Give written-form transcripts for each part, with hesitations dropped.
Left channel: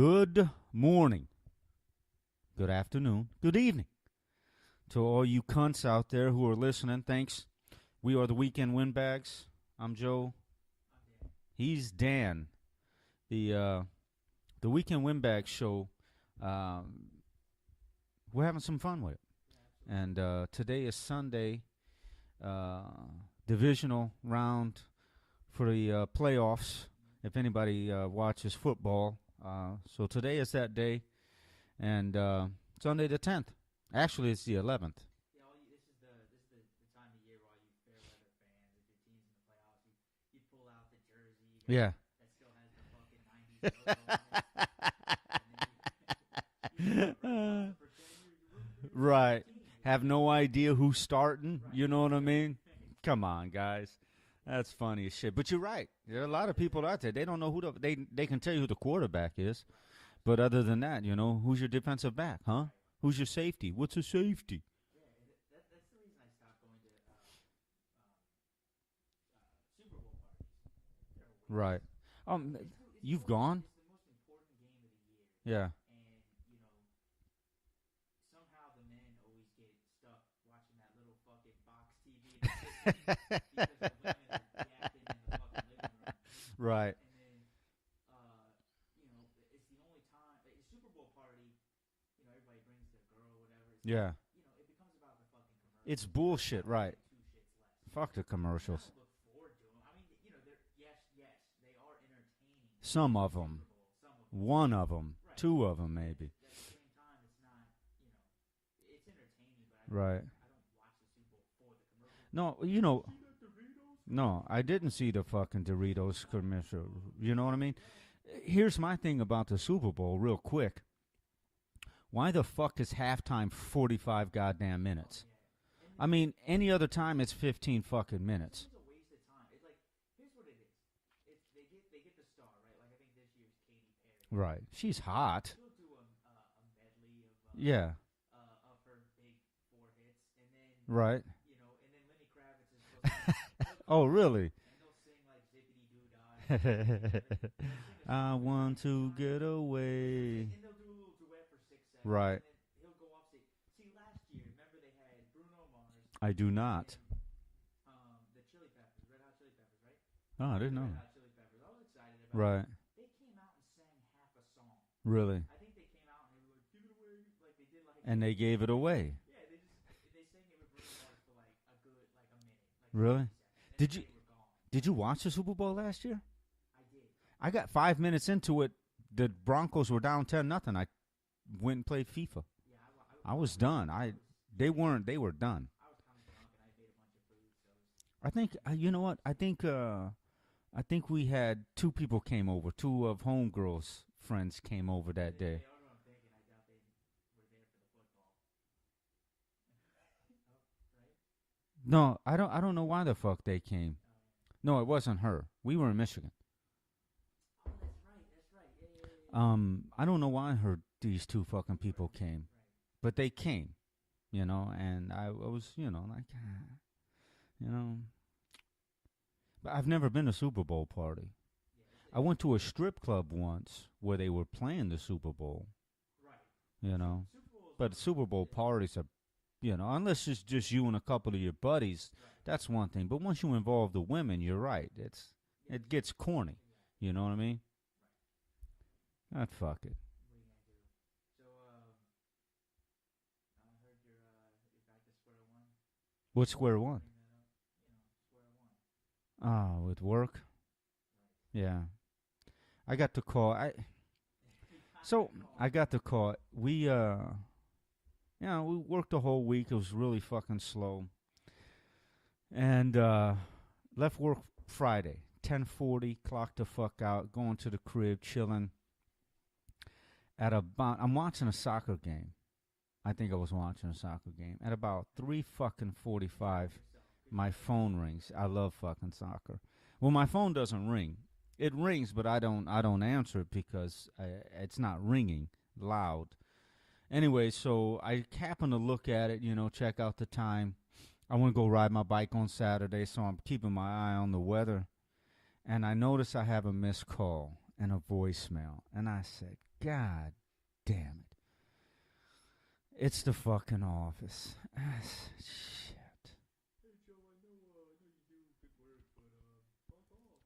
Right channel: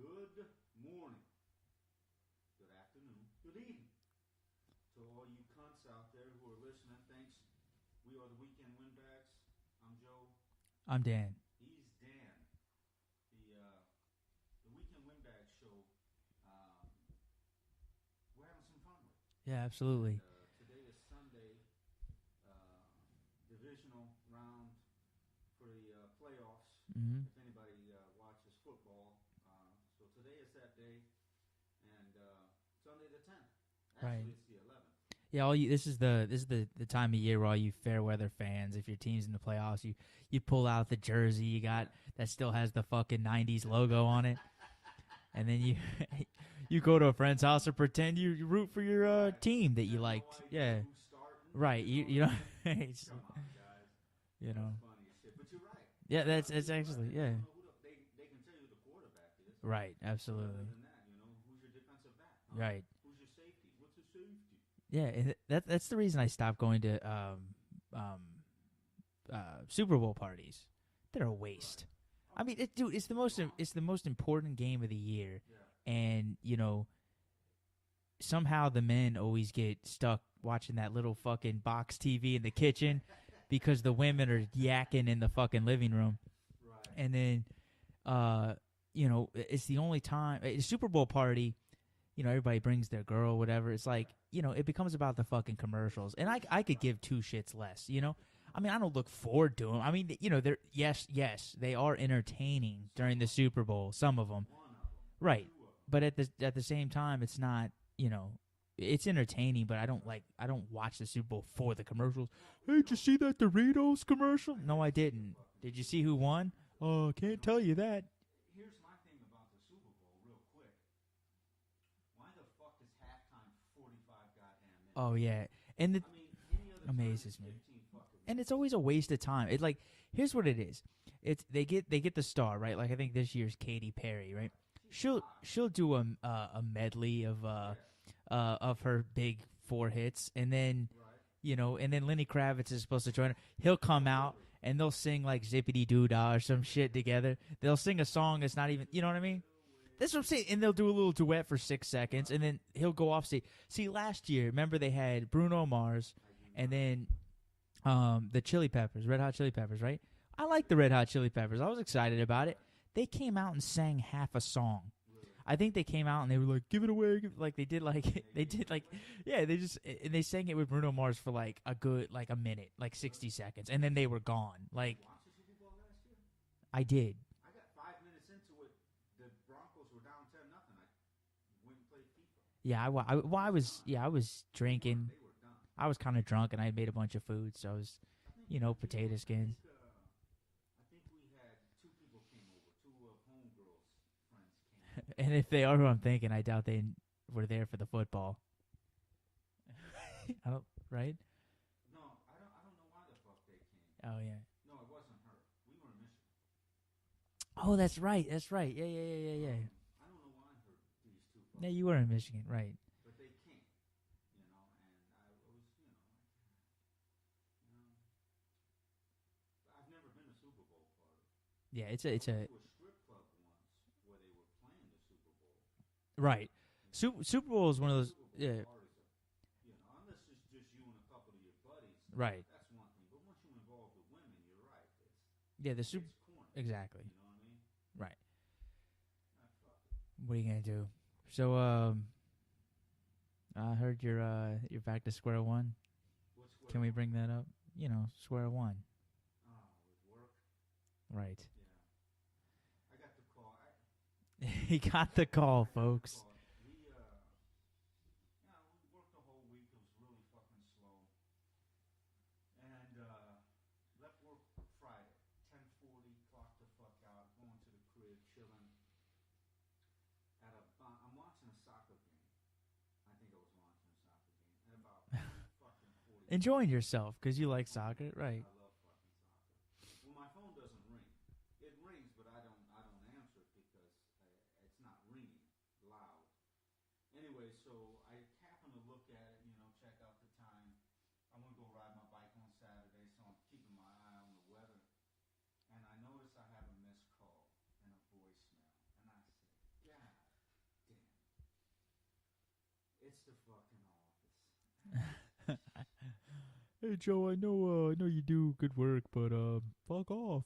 Good morning, good afternoon, good evening to all you cunts out there who are listening. Thanks. We are the Weekend Windbags. I'm Joe. I'm Dan. He's Dan. The Weekend Windbags show. We're having some fun with it. Yeah, absolutely. And today is Sunday, divisional round for the playoffs. Mm-hmm. If anybody watches football. So today is that day, and Sunday the 10th. Actually, it's the 11th. Yeah, this is the time of year where all you fair weather fans, if your team's in the playoffs, you pull out the jersey you got that still has the fucking 90s logo on it, and then you go to a friend's house and pretend you root for your team that have you no idea who's starting. Right, you know what I mean? Come on, guys. That's funny as shit. But you're right. Yeah, there are a lot of people out there. They don't know who they can tell you who the quarterback is. Right, absolutely. But other than that, who's your defensive back, huh? Right. Who's your safety? What's a safety? Yeah, and that's the reason I stopped going to Super Bowl parties. They're a waste. Right. I mean, it's the most important game of the year. Yeah. And somehow the men always get stuck watching that little fucking box TV in the kitchen because the women are yakking in the fucking living room. Right. And then, it's the only time a Super Bowl party. Everybody brings their girl, whatever. It's like, it becomes about the fucking commercials. It's bullshit, and I could give two shits less. Fuck the commercials. I mean, I don't look forward to them. I mean, they're yes, they are entertaining during the Super Bowl. Some of them, one of them, right? Two of them, but maybe. at the same time, it's not. It's entertaining, but I don't watch the Super Bowl for the commercials. No, Did you see that Doritos commercial? No, I didn't see the fucking Did Doritos you see who won? commercial. Oh, can't tell you that. Here's my thing about the Super Bowl, real quick. Why the fuck is halftime 45 goddamn minutes? Oh yeah, I mean, any other time it's 15 fucking minutes. And it's always a waste of time. It's like, here's what it is. It's they get the star, right? Like I think this year's Katy Perry, right? She'll hot. She'll do a medley of her big 4 hits, and then and then Lenny Kravitz is supposed to join. He'll come out, really? And they'll sing like Zippity Doo Dah or some shit together. They'll sing a song that's not even, you know what I mean? Away. That's what I'm saying. And they'll do a little duet for 6 seconds, and then he'll go off stage. See, last year, remember they had Bruno Mars. I do not. And then the Chili Peppers, Red Hot Chili Peppers, right? I like the Red Hot Chili Peppers. I was excited about it. They came out and sang half a song. Really? I think they came out and they were like, "Give it away," like they did like. And they gave it away. Yeah, they sang it with Bruno Mars for like a good a minute, like 60 seconds, and then they were gone. Did you watch the Super Bowl last year? I did. I got 5 minutes into it. The Broncos were down 10-0. I went and played FIFA. Yeah, I was done. Yeah, I was drinking. They were done. I was kind of drunk and I had made a bunch of food, so I was. I think you know what? Skins. I think we had 2 people came over. 2 of homegirls' friends came over that day. And if they are who I'm thinking, I doubt they were there for the football. Right? No, I don't know why the fuck they came. Oh yeah. No, it wasn't her. We were in Michigan. Oh, that's right. Yeah. I don't know why these 2 fucking you people were in came. Michigan, right? But they came, and I was, But I've never been to a Super Bowl party. Yeah, I went to a strip club once where they were playing the Super Bowl. Right. Super Bowl is one of those. Super Bowl parties are, unless it's just you and a couple of your buddies. Right. That's one thing. But once you involve the women, you're right. It gets corny. Exactly. You know what I mean? Right. Fuck it. What are you gonna do? So, I heard you're back to square one. What's square one? Can we bring that up? Square one. With work? Right. Yeah. I got the call. He got the call, I got the call. We we worked the whole week. It was really fucking slow. And left work Friday, 10:40, clocked the fuck out, going to the crib, chilling. I'm watching a soccer game. I think I was watching a soccer game at about 3:45. Enjoying yourself because you like phone soccer, rings. right? I love fucking soccer. Well, my phone doesn't ring. It rings, but I don't answer it because it's not ringing loud. Anyway, so I happen to look at it, check out the time. I want to go ride my bike on Saturday, so I'm keeping my eye on the weather. And I notice I have a missed call. and a voicemail. And I said, God damn it. It's the fucking office. Shit. Hey Joe, I know you do good work, but fuck off.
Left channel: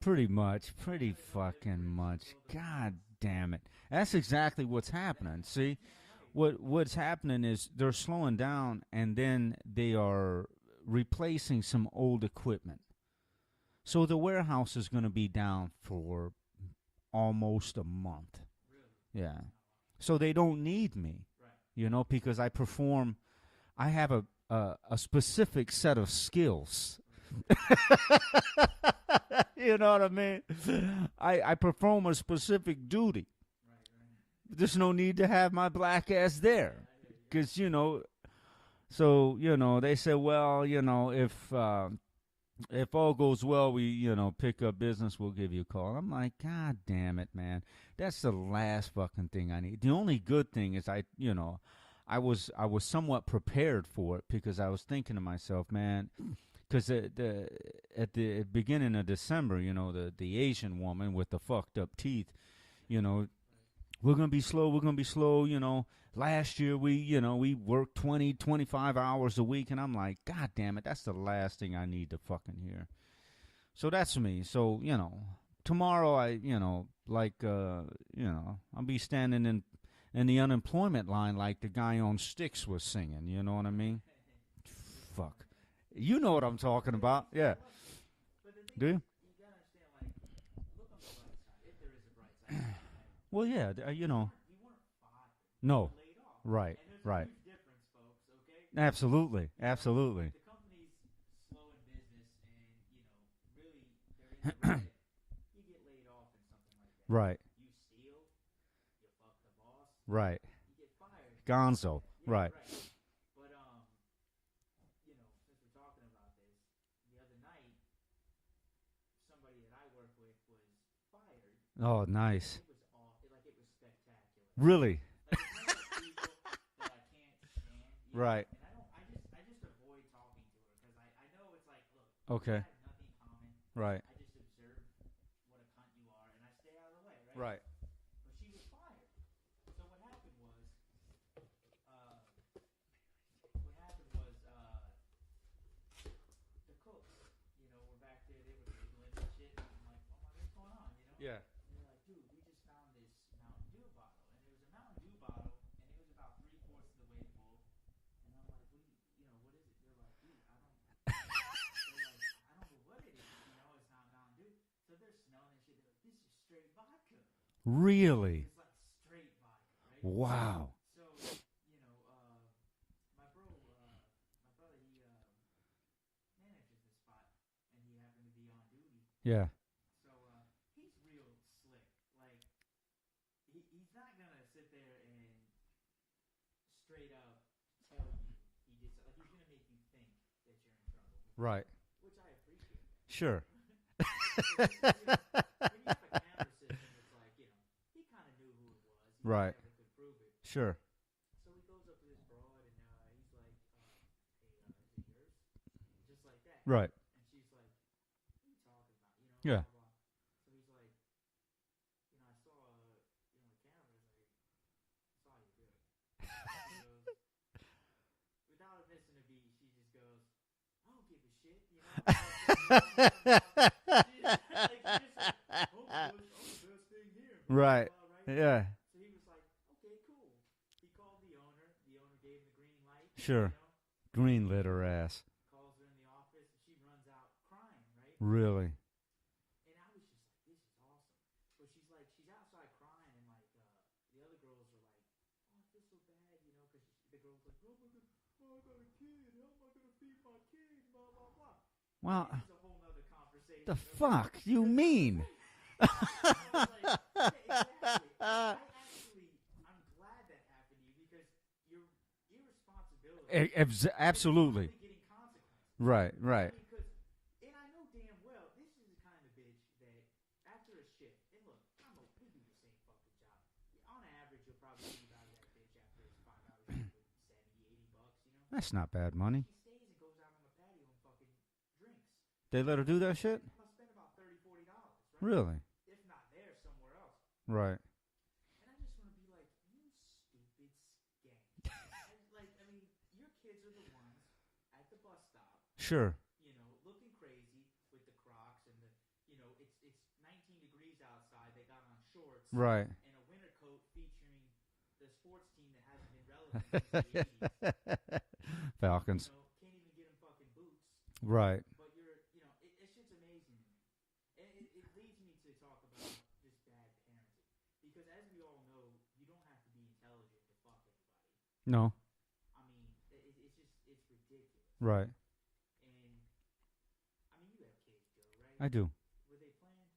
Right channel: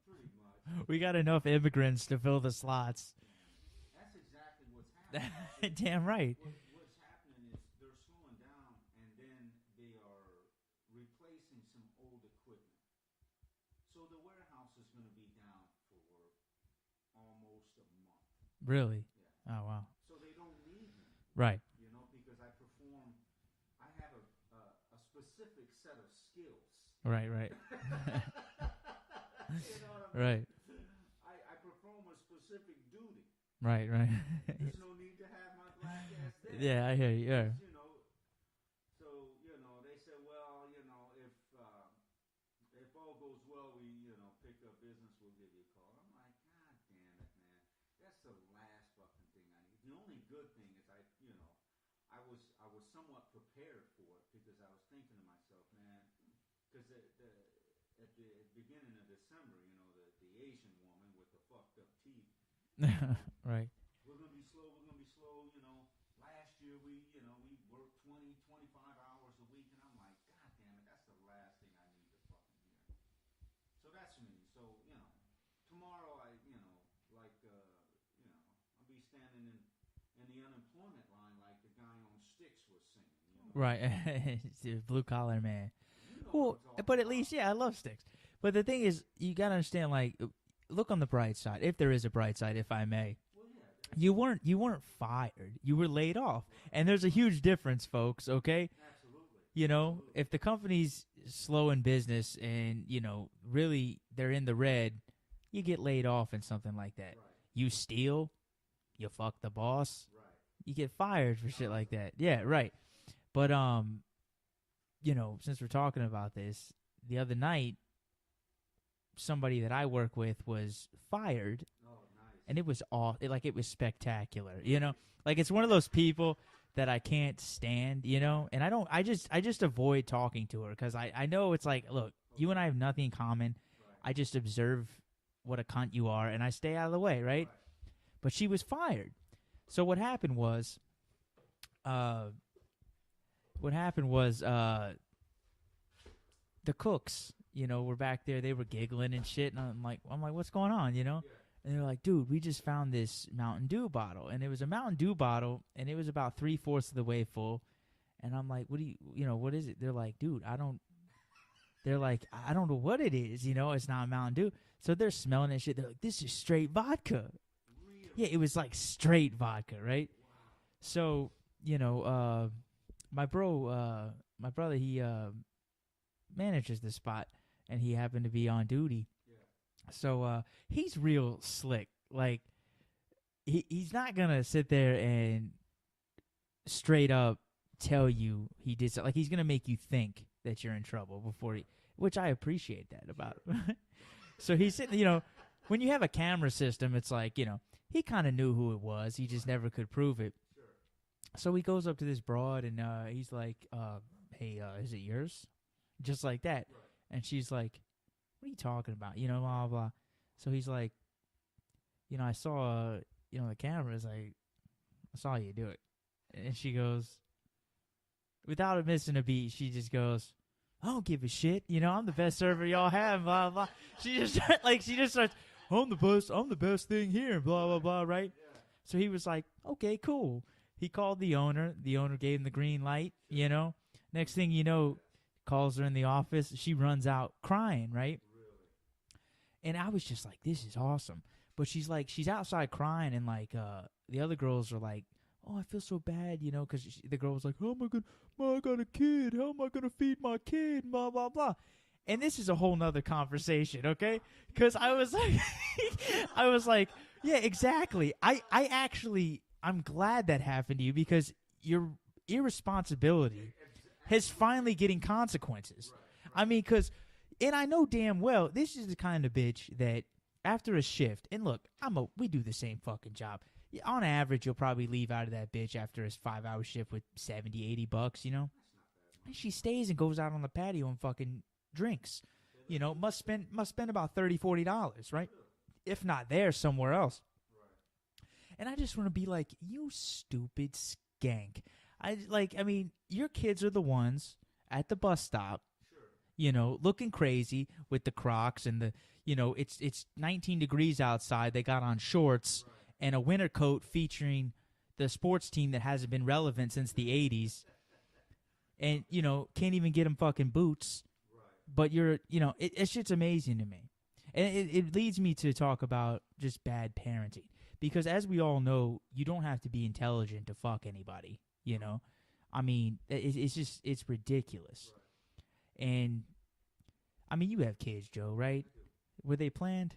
Pretty much. We got enough immigrants to fill the slots. Damn it. That's exactly what's happening. See? Damn right. What's happening is they're slowing down, and then they are replacing some old equipment. So the warehouse is going to be down for almost a month. Really? Yeah. Oh wow. So they don't need me. Right. You know, because I have a specific set of skills. Right. You know what I mean? Right. I perform a specific duty. Right. There's no need to have my black ass there. Yeah, I hear you. Because, you know, so, you know, they said, well, you know, if all goes well, we, you know, pick up business, we'll give you a call. I'm like, God damn it, man. That's the last fucking thing I need. The only good thing is I was somewhat prepared for it because I was thinking to myself, man, because at the beginning of December, you know, the Asian woman with the fucked up teeth, you know, right. We're going to be slow, you know. Last year we worked 20, 25 hours a week, and I'm like, God damn it, that's the last thing I need to fucking hear. So that's me. So, you know, tomorrow I'll be standing in the unemployment line like the guy on Styx was singing, you know what I mean? Blue collar man. You know what I'm talking but about. At least, yeah, I love Styx. But the thing is, you got to understand, like, look on the bright side, if there is a bright side, if I may. Well, yeah, you weren't fired. No. You were laid off. Right. And there's a huge difference, folks, okay? Absolutely. You know, absolutely. if the company's slow in business and, you know, really they're in the red, you get laid off and something like that. Right. You steal, you fuck the boss. Right. You get fired for Gonzo. shit like that. Yeah, right. But you know, since we're talking about this, the other night somebody that I work with was fired. Oh, nice. And it was it was spectacular. Really? You know? Like, it's one of those people that I can't stand, you know? Right. And I just avoid talking to her because I know it's like, look, you and I have nothing in common. Right. I just observe what a cunt you are, and I stay out of the way, right? Right. But she was fired. So what happened was, the cooks, you know, were back there. They were giggling and shit, and I'm like, what's going on, you know? Yeah. And they're like, dude, we just found this Mountain Dew bottle, and it was a Mountain Dew bottle, and it was about 3/4 of the way full. And I'm like, what is it? They're like, dude, they're like, I don't know what it is, you know? It's not Mountain Dew. So they're smelling that shit. They're like, this is straight vodka. Really? Yeah, it was like straight vodka, right? Wow. So, you know, my brother, he manages the spot, and he happened to be on duty. Yeah. So he's real slick. Like, he's not going to sit there and straight up tell you he did something. Like, he's going to make you think that you're in trouble before. Right. Which I appreciate that about. Sure. So he said, you know, when you have a camera system, it's like, you know, he kind of knew who it was. He just never could prove it. Sure. So he goes up to this broad, and he's like, hey, is it yours? Just like that. Right. And she's like, what are you talking about? You know, blah, blah, blah. So he's like, you know, I saw, you know, the cameras. I saw you do it. And she goes, without missing a beat, she just goes, I don't give a shit. You know, I'm the best server y'all have. Blah, blah. She just starts, I'm the best thing here. Blah, blah, blah, right? Yeah. So he was like, okay, cool. He called the owner. The owner gave him the green light. Sure. You know? Next Green thing you know, ass. calls her in the office. She runs out crying, right? Really? And I was just like, this is awesome. But she's like, she's outside crying, and like the other girls are like, oh, I feel so bad, you know, because the girl was like, how am I I got a kid. How am I going to feed my kid? Blah, blah, blah. Wow. And this is a whole nother conversation, okay? Because I was like, I was like, yeah, exactly. I'm glad that happened to you because your irresponsibility is finally getting consequences. Right. I mean, and I know damn well this is the kind of bitch that after a shift, and look, we do the same fucking job. On average, you'll probably leave out of that bitch after a 5-hour shift with $70, $80, you know? That's not bad money. She stays and goes out on the patio and fucking drinks. They let her do that shit? Must spend about $30, $40, right? Really? if not there, somewhere else. Right. And I just want to be like, you stupid skank. I mean, your kids are the ones at the bus stop. Sure. You know, looking crazy with the Crocs and the, you know, it's 19 degrees outside. They got on shorts. Right. And a winter coat featuring the sports team that hasn't been relevant since the 80s. And, you know, can't even get them fucking boots. Right. But you're, you know, it's just amazing to me. And it leads me to talk about just bad parenting. Because as we all know, you don't have to be intelligent to fuck anybody. You know? I mean, it's just, it's ridiculous. Right. And, I mean, you have kids, Joe, right? I do. Were they planned?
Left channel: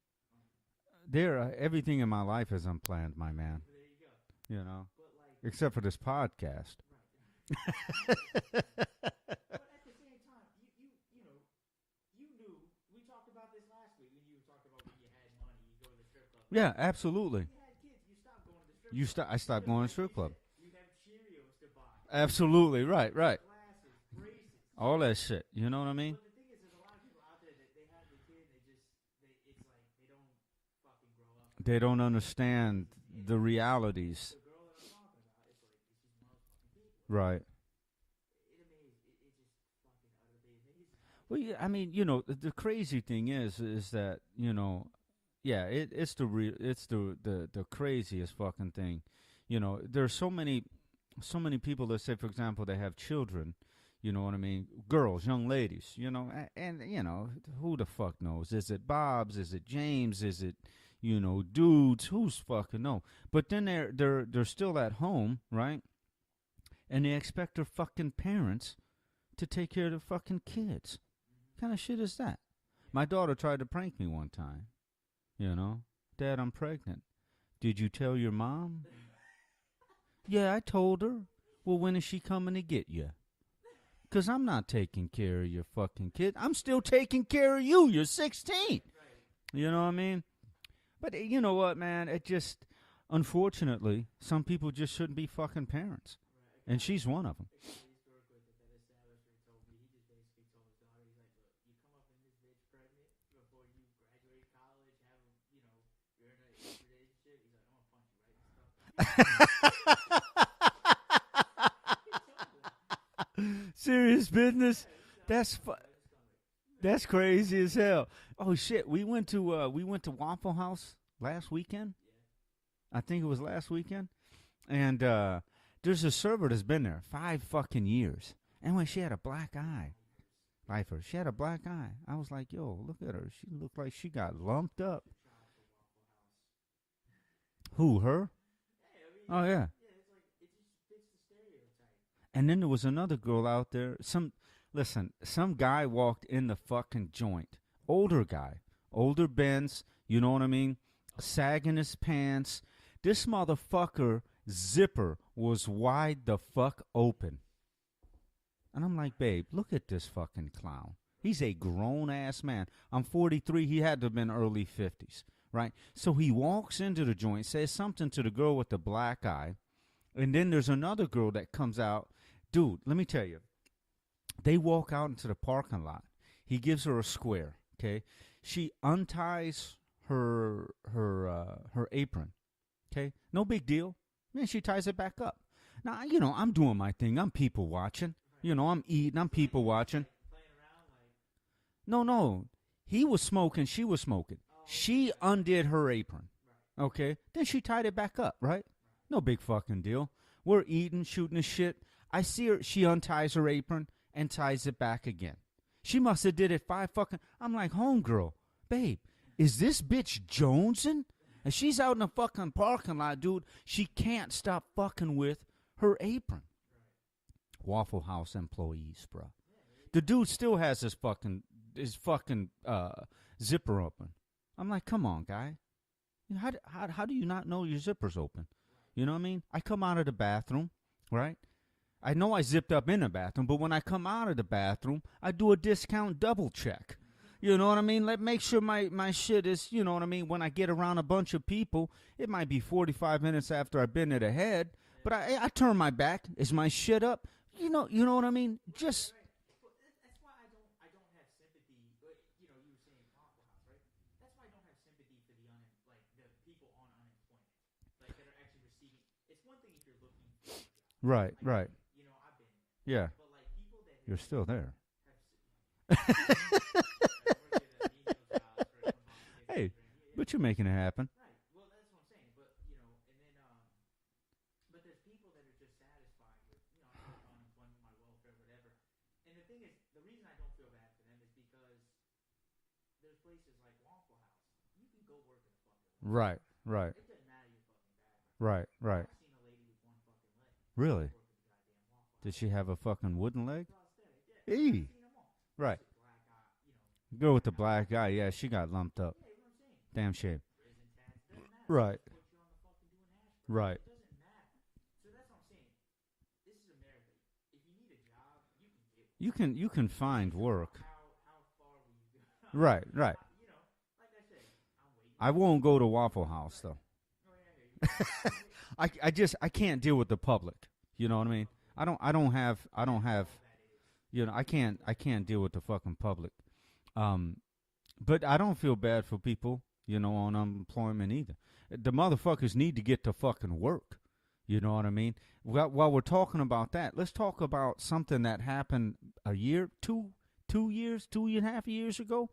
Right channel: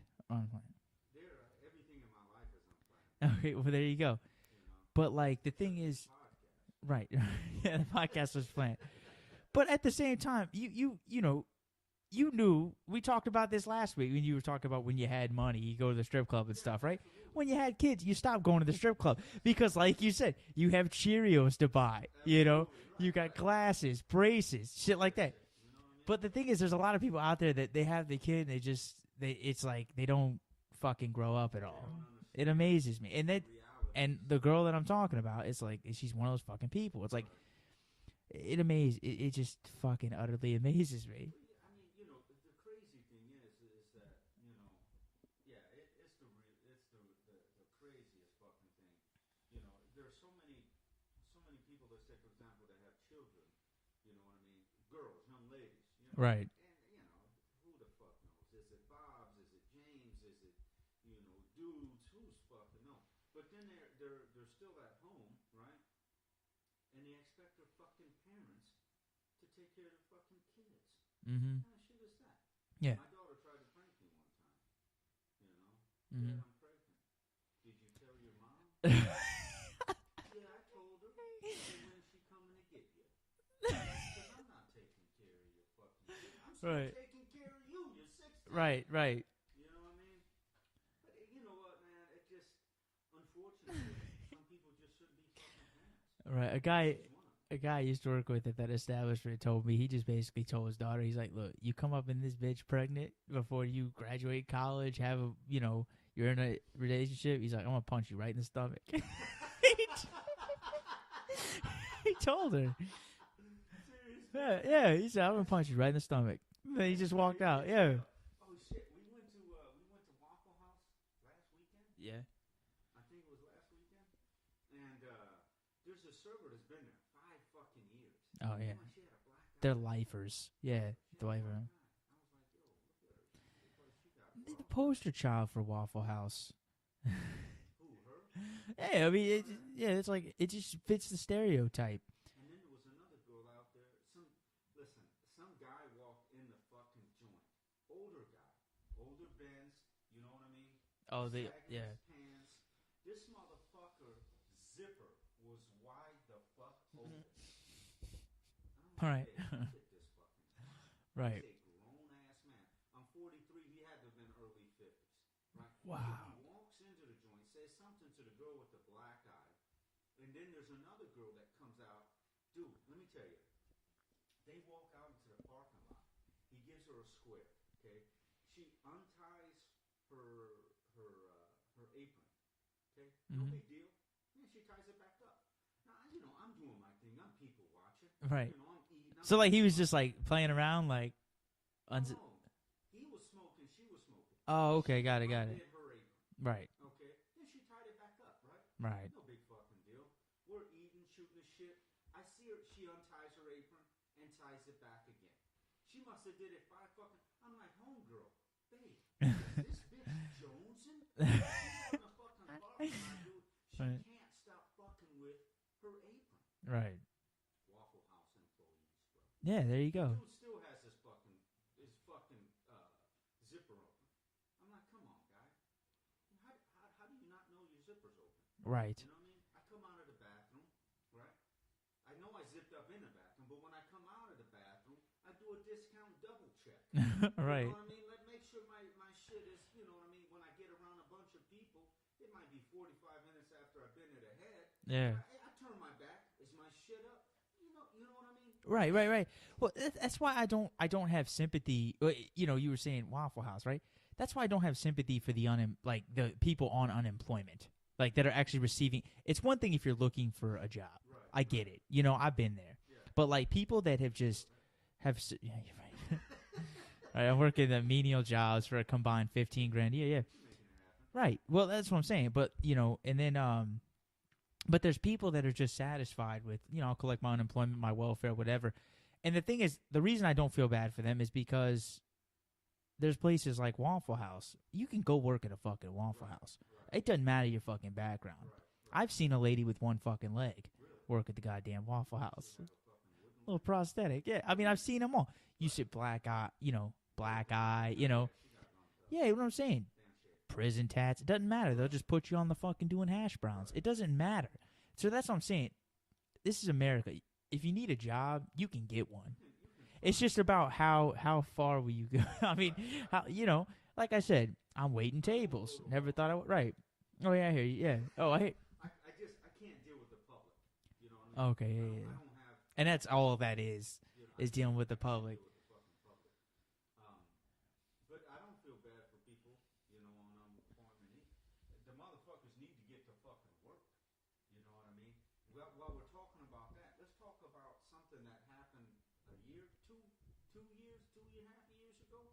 Everything in my life is unplanned, my man. Well, there you go. You know? But, like, except for this podcast. Right. Podcast was planned. But at the same time, you know, you knew, we talked about this last week when you were talking about when you had money, you go to the strip club and stuff, right? Yeah, absolutely. When you had kids, you stopped going to the strip club. I stopped because, going like to you strip said, you have Cheerios to buy. Absolutely, you know? right, You got right. glasses, braces, all shit like that. shit. You know what I mean? But the thing is, there's a lot of people out there that they have the kid and it's like they don't fucking grow up at all. They don't understand. It amazes me. And the realities. And the girl that I'm talking about, it's like she's one of those fucking people. It's right. Like, it just fucking utterly amazes me. Well, yeah, I mean, you know, the crazy thing is that, you know, yeah, it's the craziest fucking thing. You know, there's so many people that say, for example, they have children. You know what I mean? Girls, young ladies. You know, right. And you know, who the fuck knows? Is it Bob's? Is it James? Is it, you know, dudes? Who's fucking know? But then they're still at home, right? And they expect their fucking parents to take care of their fucking kids. Mm-hmm. What kind of shit is that? Yeah. My daughter tried to prank me one time. You know, Dad, I'm pregnant. Did you tell your mom? Yeah, I told her. Well, when is she coming to get you? Because I'm not taking care of your fucking kid. I'm still taking care of you. You're 16. Right. You know what I mean? But you know what, man? It just, unfortunately, some people just shouldn't be fucking parents. Right. And she's one of them. A guy I used to work with at that establishment told me, he just basically told his daughter, he's like, look, you come up in this bitch pregnant before you graduate college, have a, you know, you're in a relationship. He's like, I'm going to punch you right in the stomach. He told her. Serious business? Yeah, he said, I'm going to punch you right in the stomach. That's crazy as hell. Oh, shit. We went to Waffle House last weekend. Yeah. I think it was last weekend. And there's a server that's been there 5 fucking years. Oh, yeah. Anyway, she had a black eye. They're lifers. Yeah. Lifers. She had a black eye. I was like, yo, look at her. She looked like she got lumped up. Poster child for Waffle House. Who, her? Yeah, I mean, yeah. Yeah, it's like, it just fits the stereotype. And then there was another girl out there. Some guy walked in the fucking joint. Older guy. Older Benz. You know what I mean? Oh, sagging his pants. This motherfucker zipper was wide the fuck open. And I'm like, babe, look at this fucking clown. Right. He's a grown-ass man. I'm 43. He had to have been early 50s, right? Wow. So he walks into the joint, says something to the girl with the black eye, and then there's another girl that comes out. Dude, let me tell you. They walk out into the parking lot. He gives her a square, okay? She unties her apron, okay? No big deal. Then she ties it back up. Now, you know, I'm doing my thing. I'm people watching. Right. You know, I'm eating. I'm so, people like, he was watching. just, like, playing around, like... No. He was smoking. She was smoking. Oh, okay. She undid her apron. Right. Okay? Then she tied it back up, right? Right. No big fucking deal. We're eating, shooting the shit. I see her. She unties her apron and ties it back again. She must have did it 5 fucking... I'm like, homegirl, babe, is this bitch jonesing? And she's out in the fucking parking lot, dude. She can't stop fucking with her apron. Right. Waffle House employees, bro. Yeah, there you go. The dude still has his fucking zipper open. I'm like, come on, guy. How do you not know your zipper's open? Right. You know what I mean? I come out of the bathroom, right? I know I zipped up in the bathroom, but when I come out of the bathroom, I do a discount double check. You know what I mean? Make sure my shit is, you know what I mean? When I get around a bunch of people, it might be 45 minutes after I've been to the head, but I turn my back. Is my shit up? You know what I mean? Right, right. Well, that's why I don't have sympathy. You know, you were saying Waffle House, right? That's why I don't have sympathy for the the people on unemployment, like that are actually receiving. It's one thing if you're looking for a job, Right? I get it. You know, I've been there. Yeah. But like people that have You're still there. Yeah, you're right. Right, I'm working at menial jobs for a combined 15 grand. Yeah. But you're making it happen. Right. Well, that's what I'm saying. But and then but there's people that are just satisfied with I'll collect my unemployment, my welfare, whatever. And the thing is, the reason I don't feel bad for them is because there's places like Waffle House. You can go work at a fucking Waffle House. Right. It doesn't matter your fucking background. Right. I've seen a lady with one fucking leg. Really? Work at the goddamn Waffle House. Did she have a fucking wooden leg? A prosthetic. Yeah. I Baby. mean, I've seen them all. You Right. should black eye, Go with the black guy. You know. Yeah, she got lumped up. Yeah, you know what I'm saying? Damn shame. Prison tats. It doesn't matter. Right. They'll just put you on the fucking doing hash browns. Right. It doesn't matter. So that's what I'm saying. This is America. If you need a job, you can get one. You can find. It's just work. about how far will you go? I mean, right. how, like I said, I'm waiting. I won't go to Never Waffle thought House. right. Though. Oh yeah, I hear you. Yeah. Oh, I can't deal with the public. You know what I mean? Okay. I don't have. And I don't that's have. all that is. I is dealing can't. with I the can't public. deal with the fucking public. But I don't feel bad for people. On unemployment either. The motherfuckers need to get to fucking work. You know what I mean? While we're talking about that, let's talk about something that happened a year, 2.5 years ago,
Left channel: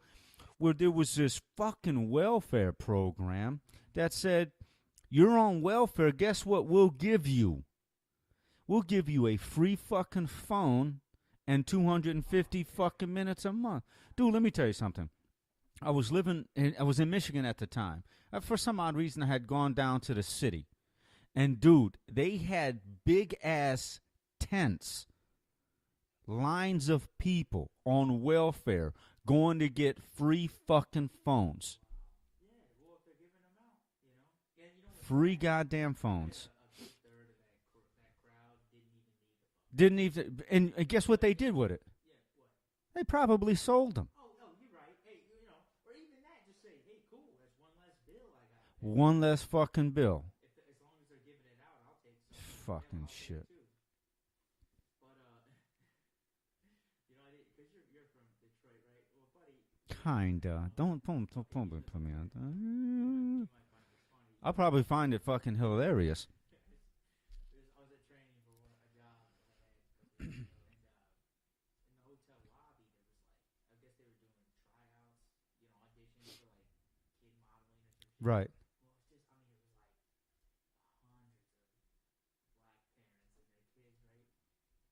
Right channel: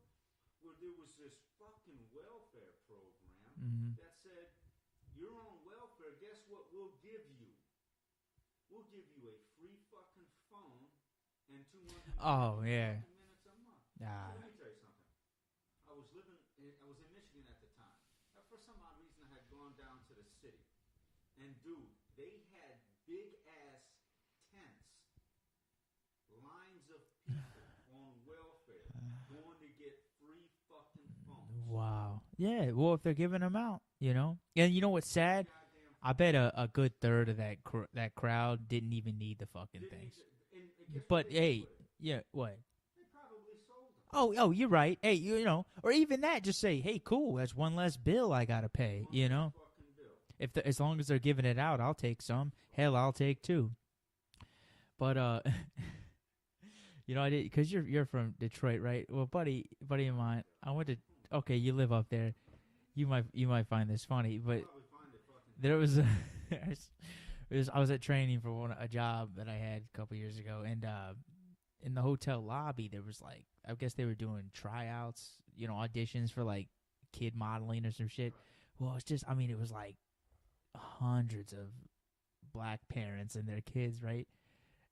where there was this fucking welfare program that said, you're on welfare, guess what we'll give you? We'll give you a free fucking phone and 250 fucking minutes a month. Dude, let me tell you something. I was in Michigan at the time. For some odd reason, I had gone down to the city. And, dude, they had big-ass tents, lines of people on welfare going to get free fucking phones. Wow. Yeah, well, if they're giving them out, And you know what's free sad? Goddamn phones. I bet a good third of that crowd didn't even need the fucking Didn't things. even. And guess what they did with it? Yeah, what? They probably sold them. Oh, you're right. Hey, or even that, just say, hey, cool, that's one less bill I gotta pay. One less fucking bill. As long as they're giving it out, I'll take some. Hell, I'll take two. But I did because you're from Detroit, right? Well, buddy of mine. Don't okay, you live up there. You might find this funny. I'll probably find it fucking hilarious. I was at training for a job that I had a couple years ago, and in the hotel lobby, there was I guess they were doing tryouts, auditions for kid modeling or some shit. Right. Well, it's just, it was hundreds of black parents and their kids, right?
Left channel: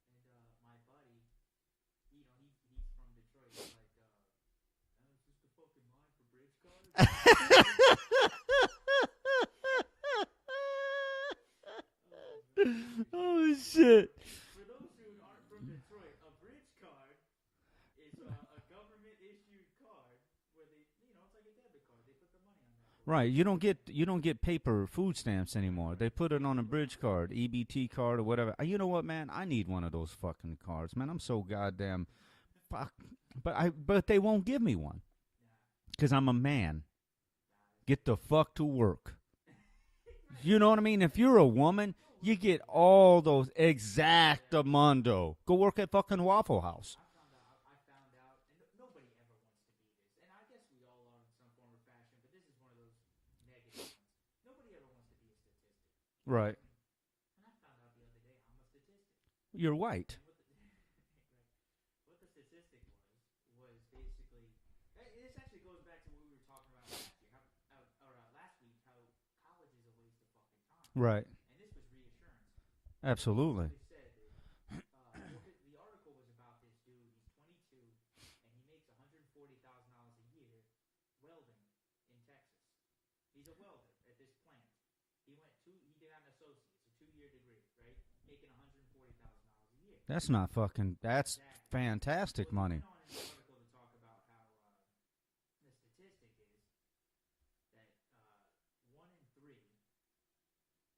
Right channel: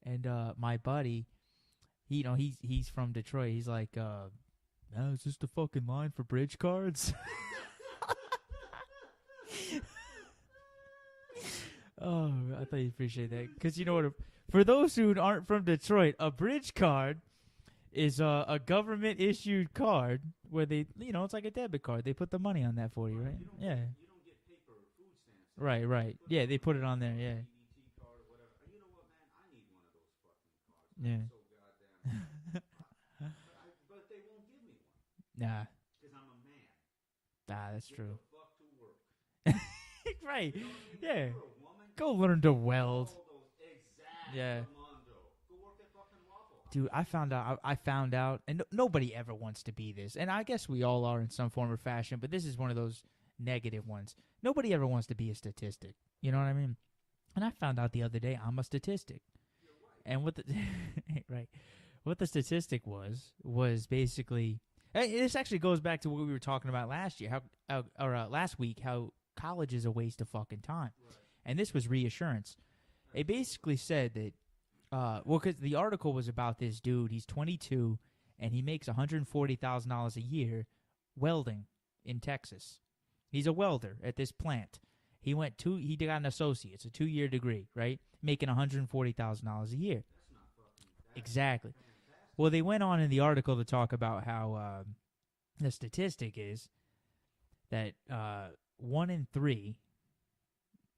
And my buddy, he's from Detroit. He's like, is this the fucking line for bridge cards? Oh, I thought you appreciate that. Because for those who aren't from Detroit, a bridge card is a government-issued card where they, it's like a debit card. They put the money on that for you. Right. You don't get paper food stamps anymore. Right. They put it on a bridge on card, there, EBT card or whatever. You know what, man? I need one of those fucking cards, man. I'm so goddamn fuck. But they won't give me one. Nah. Because I'm a man. That's Get true. the fuck to work. Right. You know what I mean? If you're a woman, go you learn to get weld. all those exactamundo. Go work at fucking Waffle House. Dude, I found out, and nobody ever wants to be this, and I guess we all are in some form or fashion, but this is one of those negative ones. Nobody ever wants to be a statistic. You know what I mean? And I found out the other day I'm a statistic. You're white. And what the right, what the statistic was basically. This actually goes back to what we were talking about last year, last week, how college is a waste of fucking time. Right. And this was reassurance. Absolutely. It basically said that, because the article was about this dude. He's 22, and he makes $140,000 a year welding in Texas. He's a welder at this plant. He got an associate's, a 2-year degree, right? Making $140,000 a year. That's not fucking. That's exactly fantastic. Well, they money. went on in the article to talk about how the statistic is that 1 in 3,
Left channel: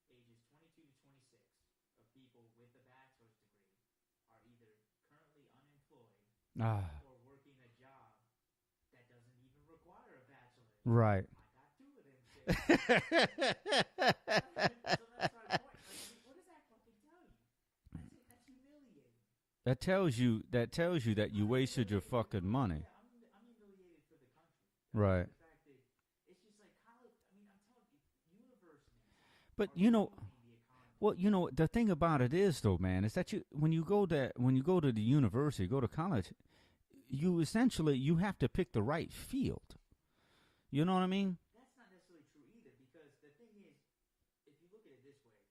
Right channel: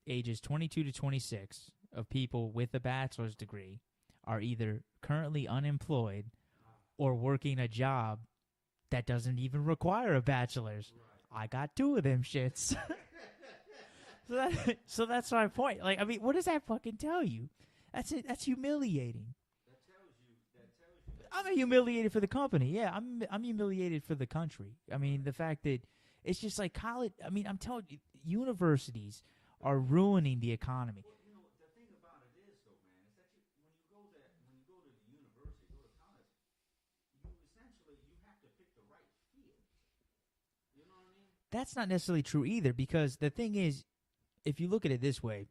ages 22 to 26, of people with a bachelor's degree are either currently unemployed or working a job that doesn't even require a bachelor's. Right. I got 2 of them shits. So that's my point. What does that fucking tell you? That's it. That's humiliating. That tells you that you I'm wasted humiliated your for the fucking company. money. Yeah, I'm humiliated for the country. I mean, the fact that it's just like college. I mean, I'm telling you, universities are ruining the economy. Well, the thing about it is, though, man, is that when you go to the university, go to college, you essentially have to pick the right field. You know what I mean? That's not necessarily true either, because the thing is, if you look at it this way,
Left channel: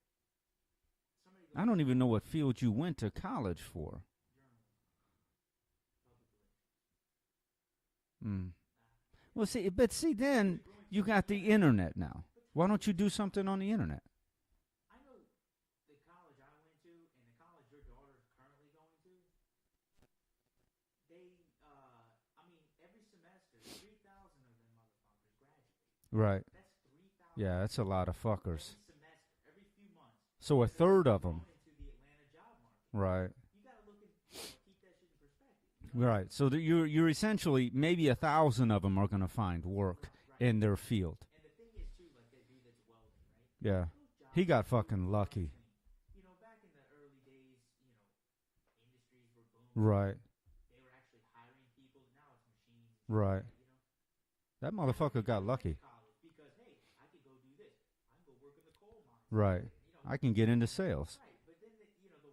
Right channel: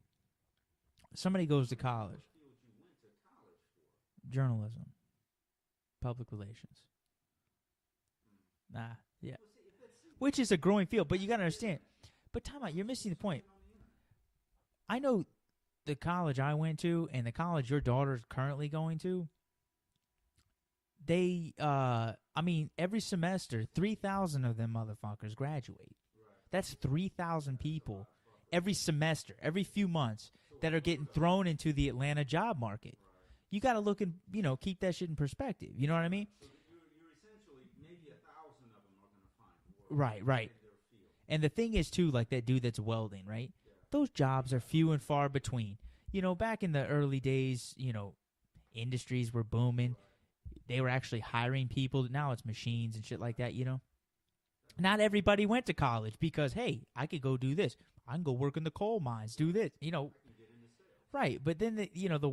somebody goes to college. I don't even know what field you went to college for. Journalism. Public relations. Nah. Yeah. Well, see, then which is a growing field. You got but you the understand. internet now. But Tom, why don't you do the something point. on the internet? I know the college I went to and the college your daughter's currently going to. They, every semester, 3,000 of them motherfuckers graduate. Right. That's 3,000 people. Yeah, that's a lot of fuckers. Every semester, every few months. So that a are third getting of thrown them. into the Atlanta job market. Right. You got to look and, keep that shit in perspective. You know what I mean? So you're essentially, maybe 1,000 of them are going to find work. Right. In their field. And the thing is, too, like that dude that's welding, right? Yeah. Those jobs are few and far lucky. between. Back in the early days, industries were booming. Right. They were actually hiring people. Now it's machines and shit like that, That Not everybody went to college because, hey, I could go do this. I can go work in the coal mines, do this. I can get into sales. Right, but then the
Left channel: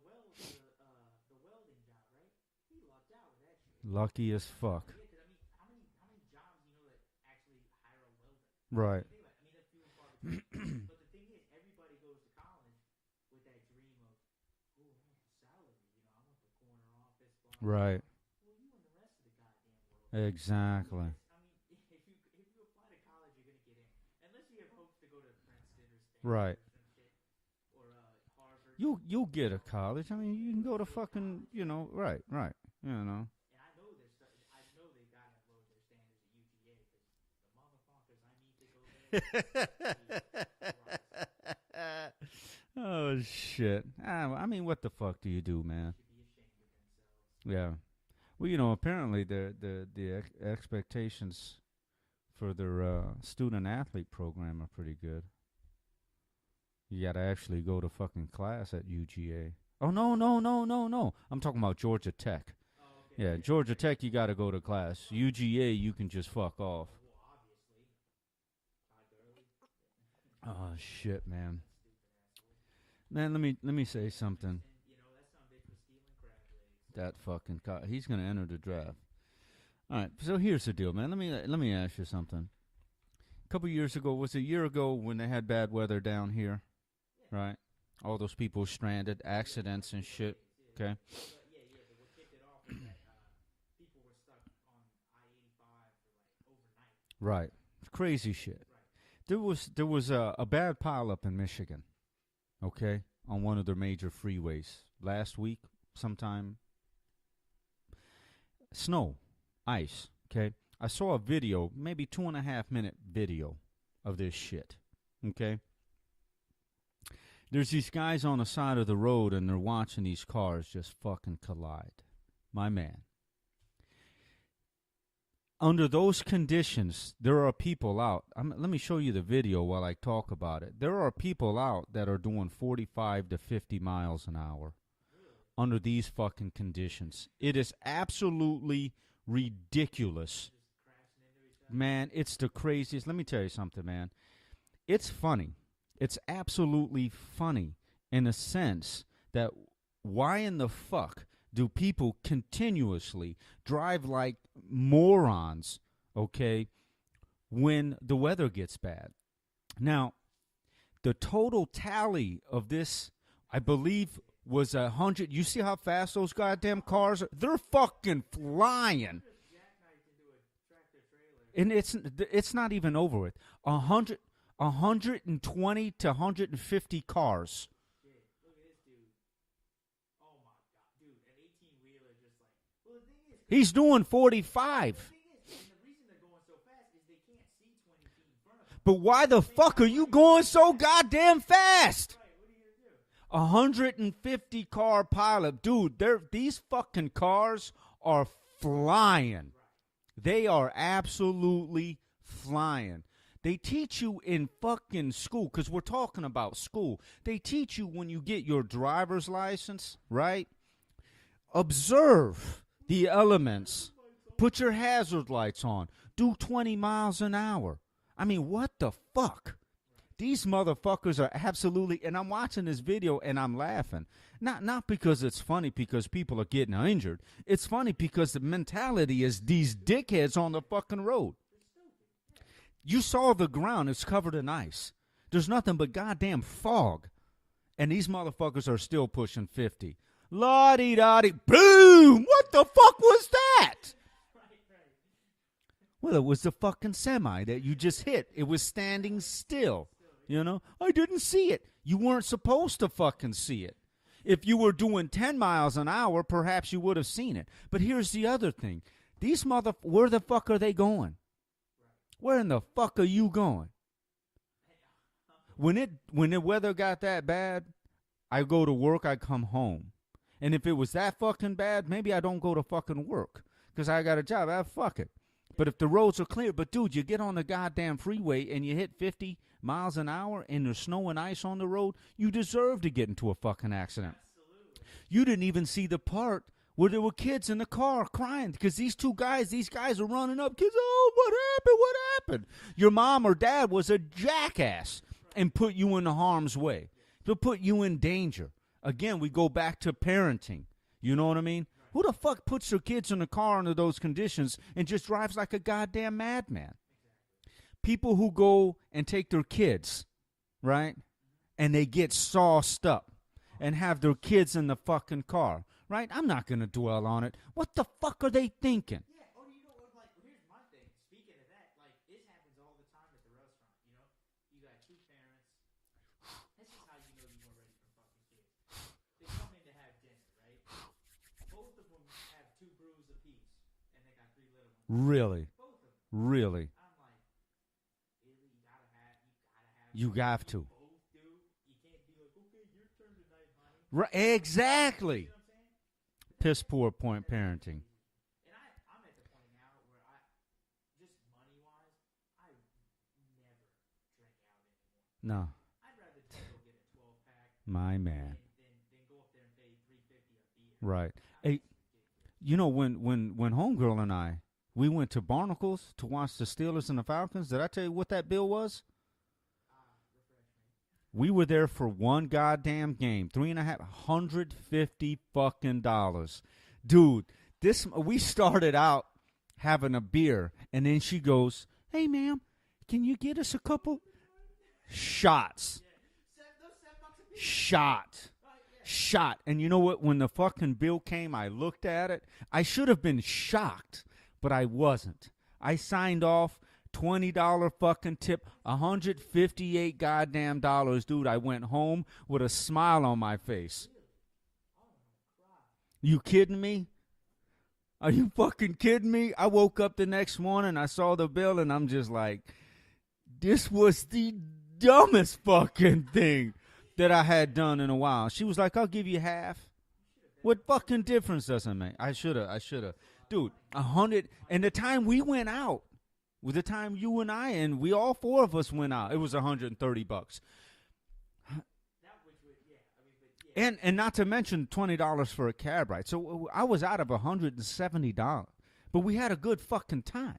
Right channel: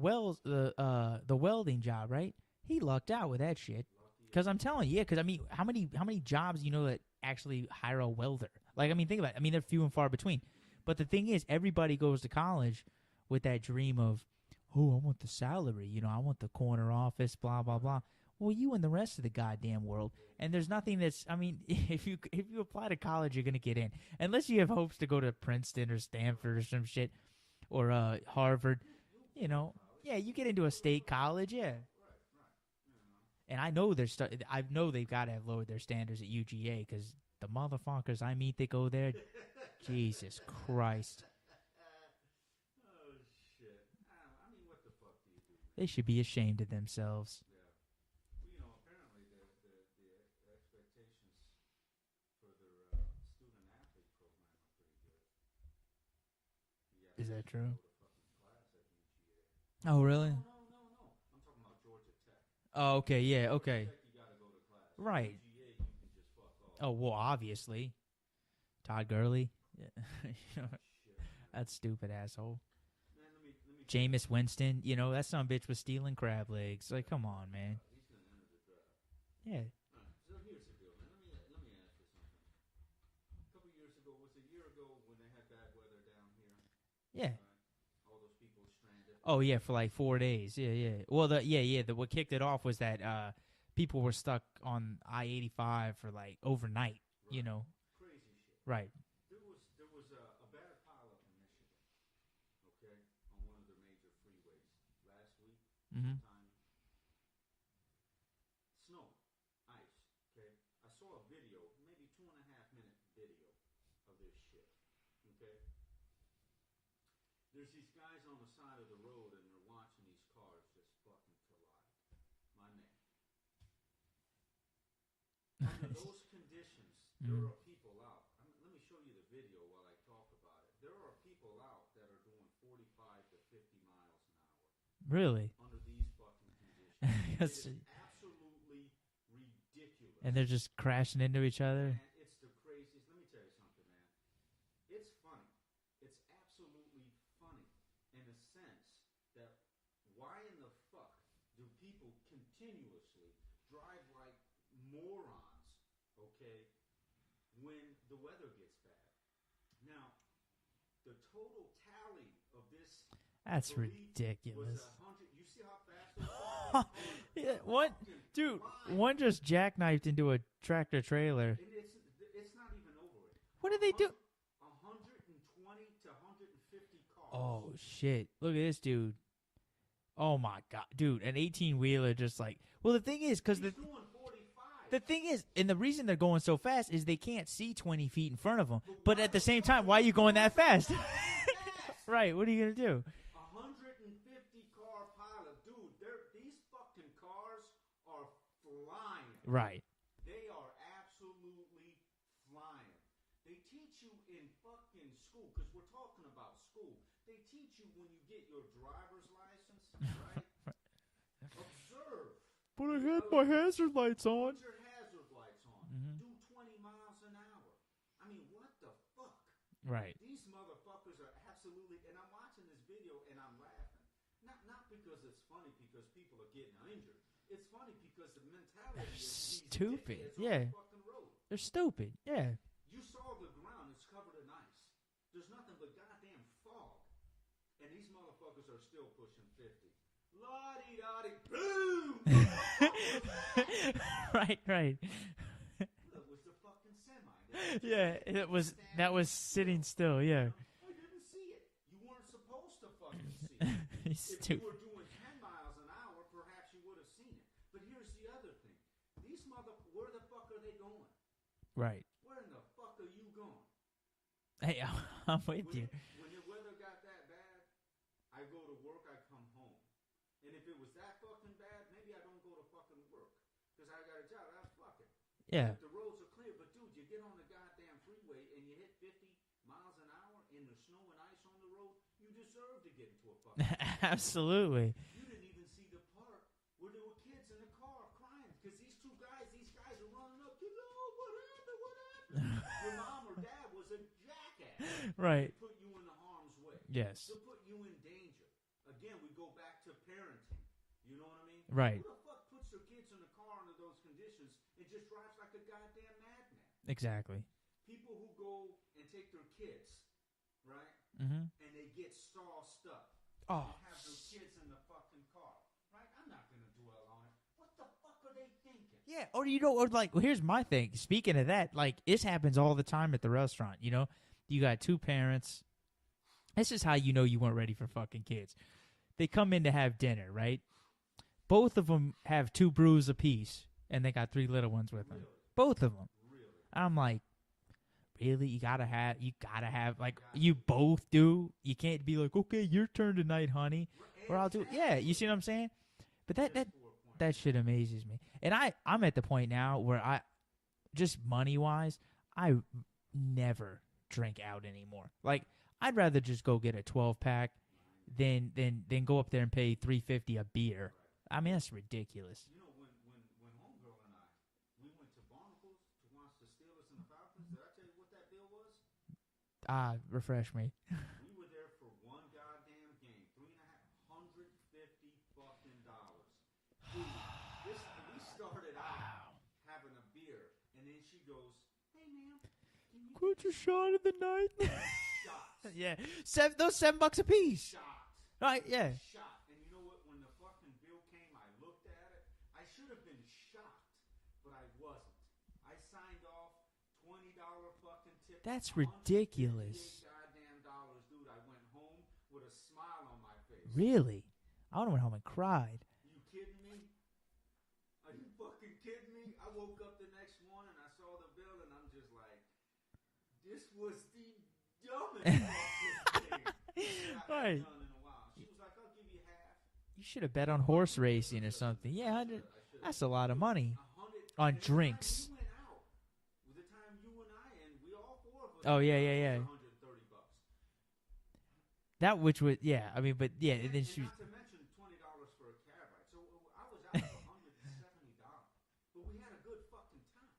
welding job, right? He lucked out with that shit. Lucky as Because I'm telling you, how many jobs that actually hire a welder? Right. Like, think about it. They're few and far between. But the thing is, everybody goes to college with that dream of, oh, I want the salary. I want the corner office, blah blah blah. Well, you and the rest of the goddamn world. Exactly. And there's nothing that's. If you apply to college, you're gonna get in, unless you have hopes to go to Princeton or Stanford or some shit, or Harvard. You'll get a college. Yeah, you get into a state college. Yeah, right. And I know I know they've got to have lowered their standards at UGA because the motherfuckers I meet that go there, Jesus Christ. Oh shit! What the fuck do you do, man? They should be ashamed of themselves. Yeah. Well, apparently the expectations for their student athlete program are pretty good. You got to actually go to fucking class at UGA. Oh, no, really? No. I'm talking about Georgia Tech. Oh, okay, yeah. Georgia Tech, you got to go to class. Right. UGA, you can just fuck off. Oh, well, obviously. Todd Gurley. Oh, shit, man. That stupid asshole. Man, let me say Jameis something. Winston, that son of a bitch was stealing crab legs. Like, come on, man. He's going to enter the draft. Yeah. All right, so here's the deal, man. Let me ask you something. A couple years ago, was it a year ago when they had bad weather down here? Yeah. Right? All those people stranded, Oh, yeah, accidents for like 4 days. Yeah, okay. yeah. Well, what kicked it off was that people were stuck on I-85 for like overnight. Right. Crazy shit. Right. There was a bad pileup in Michigan, okay, on one of their major freeways last week sometime. Snow, ice, okay. I saw a video, maybe 2.5 minute video of this shit, okay. There's these guys on the side of the road and they're watching these cars just fucking collide. My man. Under those conditions, there are people out. Let me show you the video while I talk about it. There are people out that are doing 45 to 50 miles an hour. Really? Under these fucking conditions. It is absolutely ridiculous. And they're just crashing into each other? Man, it's the craziest. Let me tell you something, man. It's funny. It's absolutely funny in a sense that why in the fuck do people continuously drive like morons, okay, when the weather gets bad? Now, the total tally of this, That's I believe, ridiculous. was 100. You see how fast those goddamn cars are? They're fucking flying. One just jackknifed into a tractor trailer. And it's not even over with. 120 to 150 cars. Oh, shit. Look at this dude. Oh, my God. Dude, an 18-wheeler just like... Well, the thing is... He's doing 45. The thing is, and the reason they're going so fast is they can't see 20 feet in front of them. But why the fuck are you going so goddamn fast? Right, what are you going to do? 150 car pilot. Dude, these fucking cars are flying. Right. They are absolutely flying. They teach you in fucking school, because we're talking about school. They teach you when you get your driver's license, right? Observe the elements. Hazard lights on. Put your hazard lights on. Do 20 miles an hour. I mean, what the fuck? Right. These motherfuckers are absolutely, and I'm watching this video and I'm laughing. Not because it's funny because people are getting injured. It's funny because the mentality is these dickheads on the fucking road. They're stupid. Yeah. You saw the ground. It's covered in ice. There's nothing but goddamn fog. And these motherfuckers are still pushing 50. La-dee-da-dee. Boom! What the fuck was that? Right. Well, it was the fucking semi that you just hit. It was standing still. Yeah. You know? I didn't see it. You weren't supposed to fucking see it. If you were doing 10 miles an hour, perhaps you would have seen it. But here's the other thing. These where the fuck are they going? Right. Where in the fuck are you going? Hey, I'm when the weather got that bad, I go to work, I come home. And if it was that fucking bad, maybe I don't go to fucking work because I got a job. Fuck it. Yeah. But if the roads are clear, dude, you get on the goddamn freeway and you hit 50 miles an hour and there's snow and ice on the road, you deserve to get into a fucking accident. Absolutely. You didn't even see the part where there were kids in the car crying because these guys are running up. Kids, oh, what happened? Your mom or dad was a jackass and put you in harm's way. Yes. To put you in danger. Again, we go back to parenting. You know what I mean? Right. Who the fuck puts their kids in the car under those conditions and just drives like a goddamn madman? Exactly. People who go and take their kids, right? Mm-hmm. And they get sauced up and have their kids in the fucking car, right? I'm not going to dwell on it. What the fuck are they thinking? Yeah, or here's my thing. Speaking of that, like, this happens all the time at the restaurant, you know? You got two parents. This is how you know you weren't ready for fucking kids. They come in to have dinner, right? Both of them have 2 brews apiece, and they got 3 little ones. Really? Both of them. Really? I'm like, really? You gotta have. You both do. You can't be like, okay, your turn tonight, honey. Right? Exactly. You see what I'm saying? But Piss poor point. That parenting. shit amazes me. And I'm at the point now where I, just money wise, I never drink out anymore. Like. No. I'd rather just go get a 12-pack My man. than go up there and pay $3.50 a beer. Right. I mean, that's ridiculous. You know, when homegirl and I, we went to Barnacles to watch the Steelers and the Falcons, did I tell you what that bill was? Refresh me. We were there for one goddamn game. $350 fucking dollars. Dude, we started out having a beer, and then she goes, hey, ma'am, can you get us a couple shots? Yeah, those $7 a piece. Shot. Right? Yeah. Shot. And you know what? When the fucking bill came, I looked at it. I should have been shocked, but I wasn't. I signed off $20 fucking tip. That's $158 ridiculous. goddamn dollars, dude. I went home with a smile on my face. Really? I would have went home and cried. You kidding me? Are you fucking kidding me? I woke up the next morning, I saw the bill, and I'm just like, this was the dumbest fucking thing that I had done in a while. She was like, I'll give you half. You should have bet what on horse fucking racing difference does it make? Yeah, I should have. That's a lot of Dude, money. 100. On and the time drinks. we went out, with the time you and I, and we all 4 of us went out, it was $130. That which was, I mean, but yeah. And not to mention $20 for a cab ride. So I was out of $170. But we had a good fucking time.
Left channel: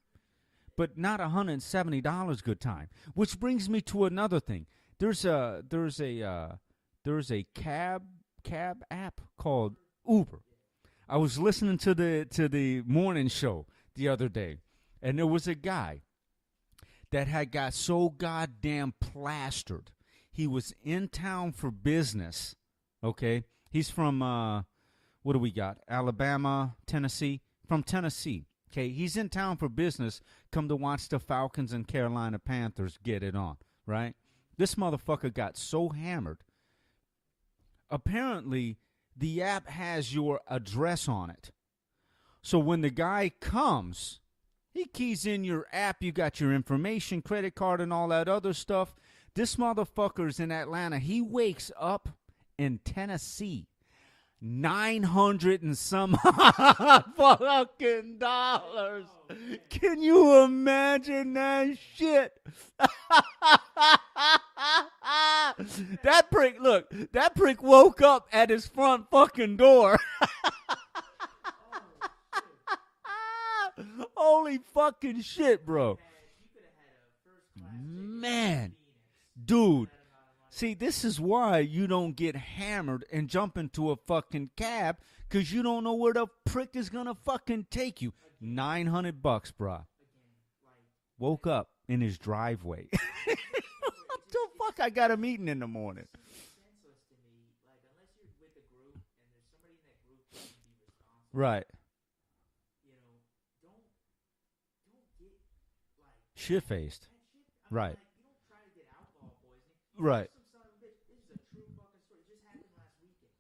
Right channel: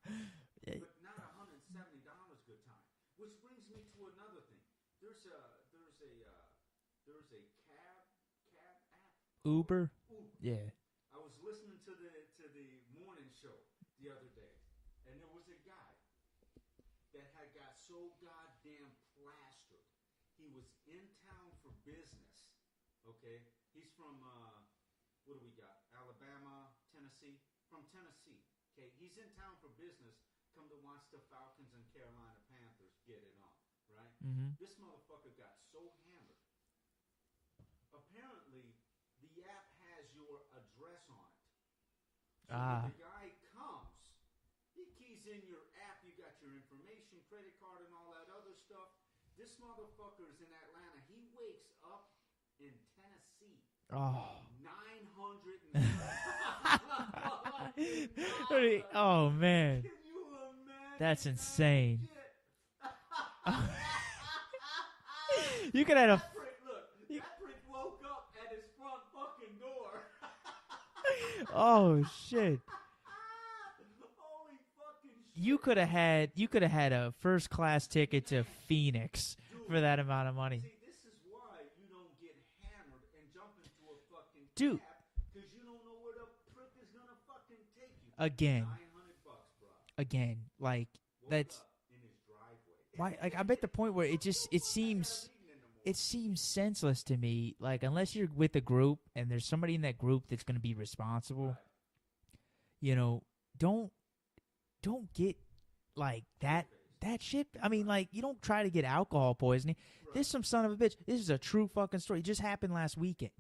But not $170 good time. Which brings me to another thing. There's a cab app called Uber. Yeah. I was listening to the morning show the other day, and there was a guy that had got so goddamn plastered. He was in town for business. Okay? He's from what do we got? Alabama, Tennessee. From Tennessee. Okay, he's in town for business, come to watch the Falcons and Carolina Panthers get it on, right? Mm-hmm. This motherfucker got so hammered. Apparently, the app has your address on it. So when the guy comes, he keys in your app, you got your information, credit card, and all that other stuff. This motherfucker's in Atlanta. He wakes up in Tennessee. $900 and some fucking dollars. Oh man! Can you imagine That's that insane. shit? You can have that prick. Look, that prick woke up at his front fucking door. Oh shit! Holy fucking shit, You could have bro. had a first class ticket Man. to Phoenix Dude, for that amount of money. see, this is why you don't get hammered and jump into a fucking cab, because you don't know where the prick is gonna fucking take you. Again. $900, bro. Again, like Woke that's- up in his driveway. I'm at the point where it just The it fuck, seems I got a meeting in the morning. it seems senseless to me. Like unless you're with a group and there's somebody in that group that's going to be responsible, Right. You know, don't get like Shit faced. that shit. I mean, Right. like you don't try to get alcohol poisoning. Right. This some son of a bitch. This is a true fucking story. It just happened last weekend.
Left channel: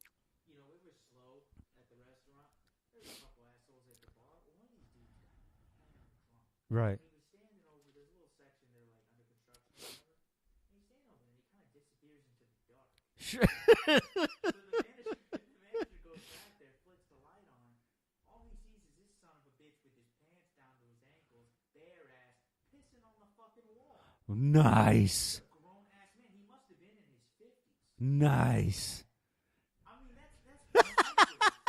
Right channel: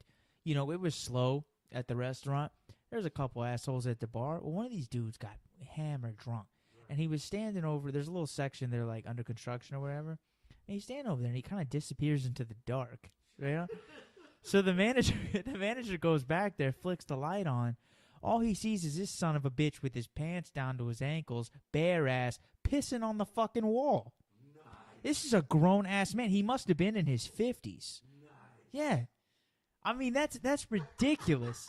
You know, it was slow at the restaurant. There's a couple assholes at the bar. Well, one of these dudes got hammered drunk. Right. And he was standing over. There's a little section there, like under construction or whatever. And he's standing over there, and he kind of disappears into the dark. Sure. Yeah? So the manager goes back there, flicks the light on. All he sees is this son of a bitch with his pants down to his ankles, bare ass, pissing on the fucking wall. Nice. This is a grown ass man. He must have been in his 50s. Nice. Yeah. I mean, that's ridiculous.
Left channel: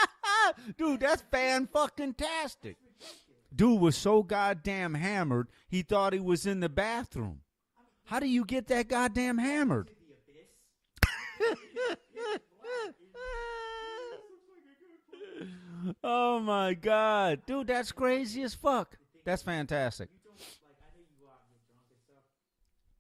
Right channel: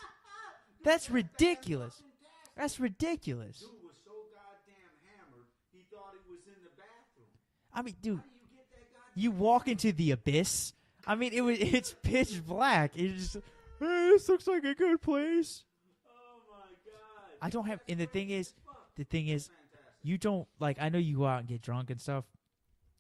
Dude, That's that's ridiculous. fan-fucking-tastic. That's ridiculous. Dude was so goddamn hammered, he thought he was in the bathroom. I mean, dude, How do you get that goddamn you walk hammered? into the abyss. I mean, it's pitch black. It's just, hey, this looks like a good place. Oh my god, I dude, don't have- that's and the thing crazy is- as fuck. The thing That's is, fantastic. you don't like. I know you go out and get drunk and stuff,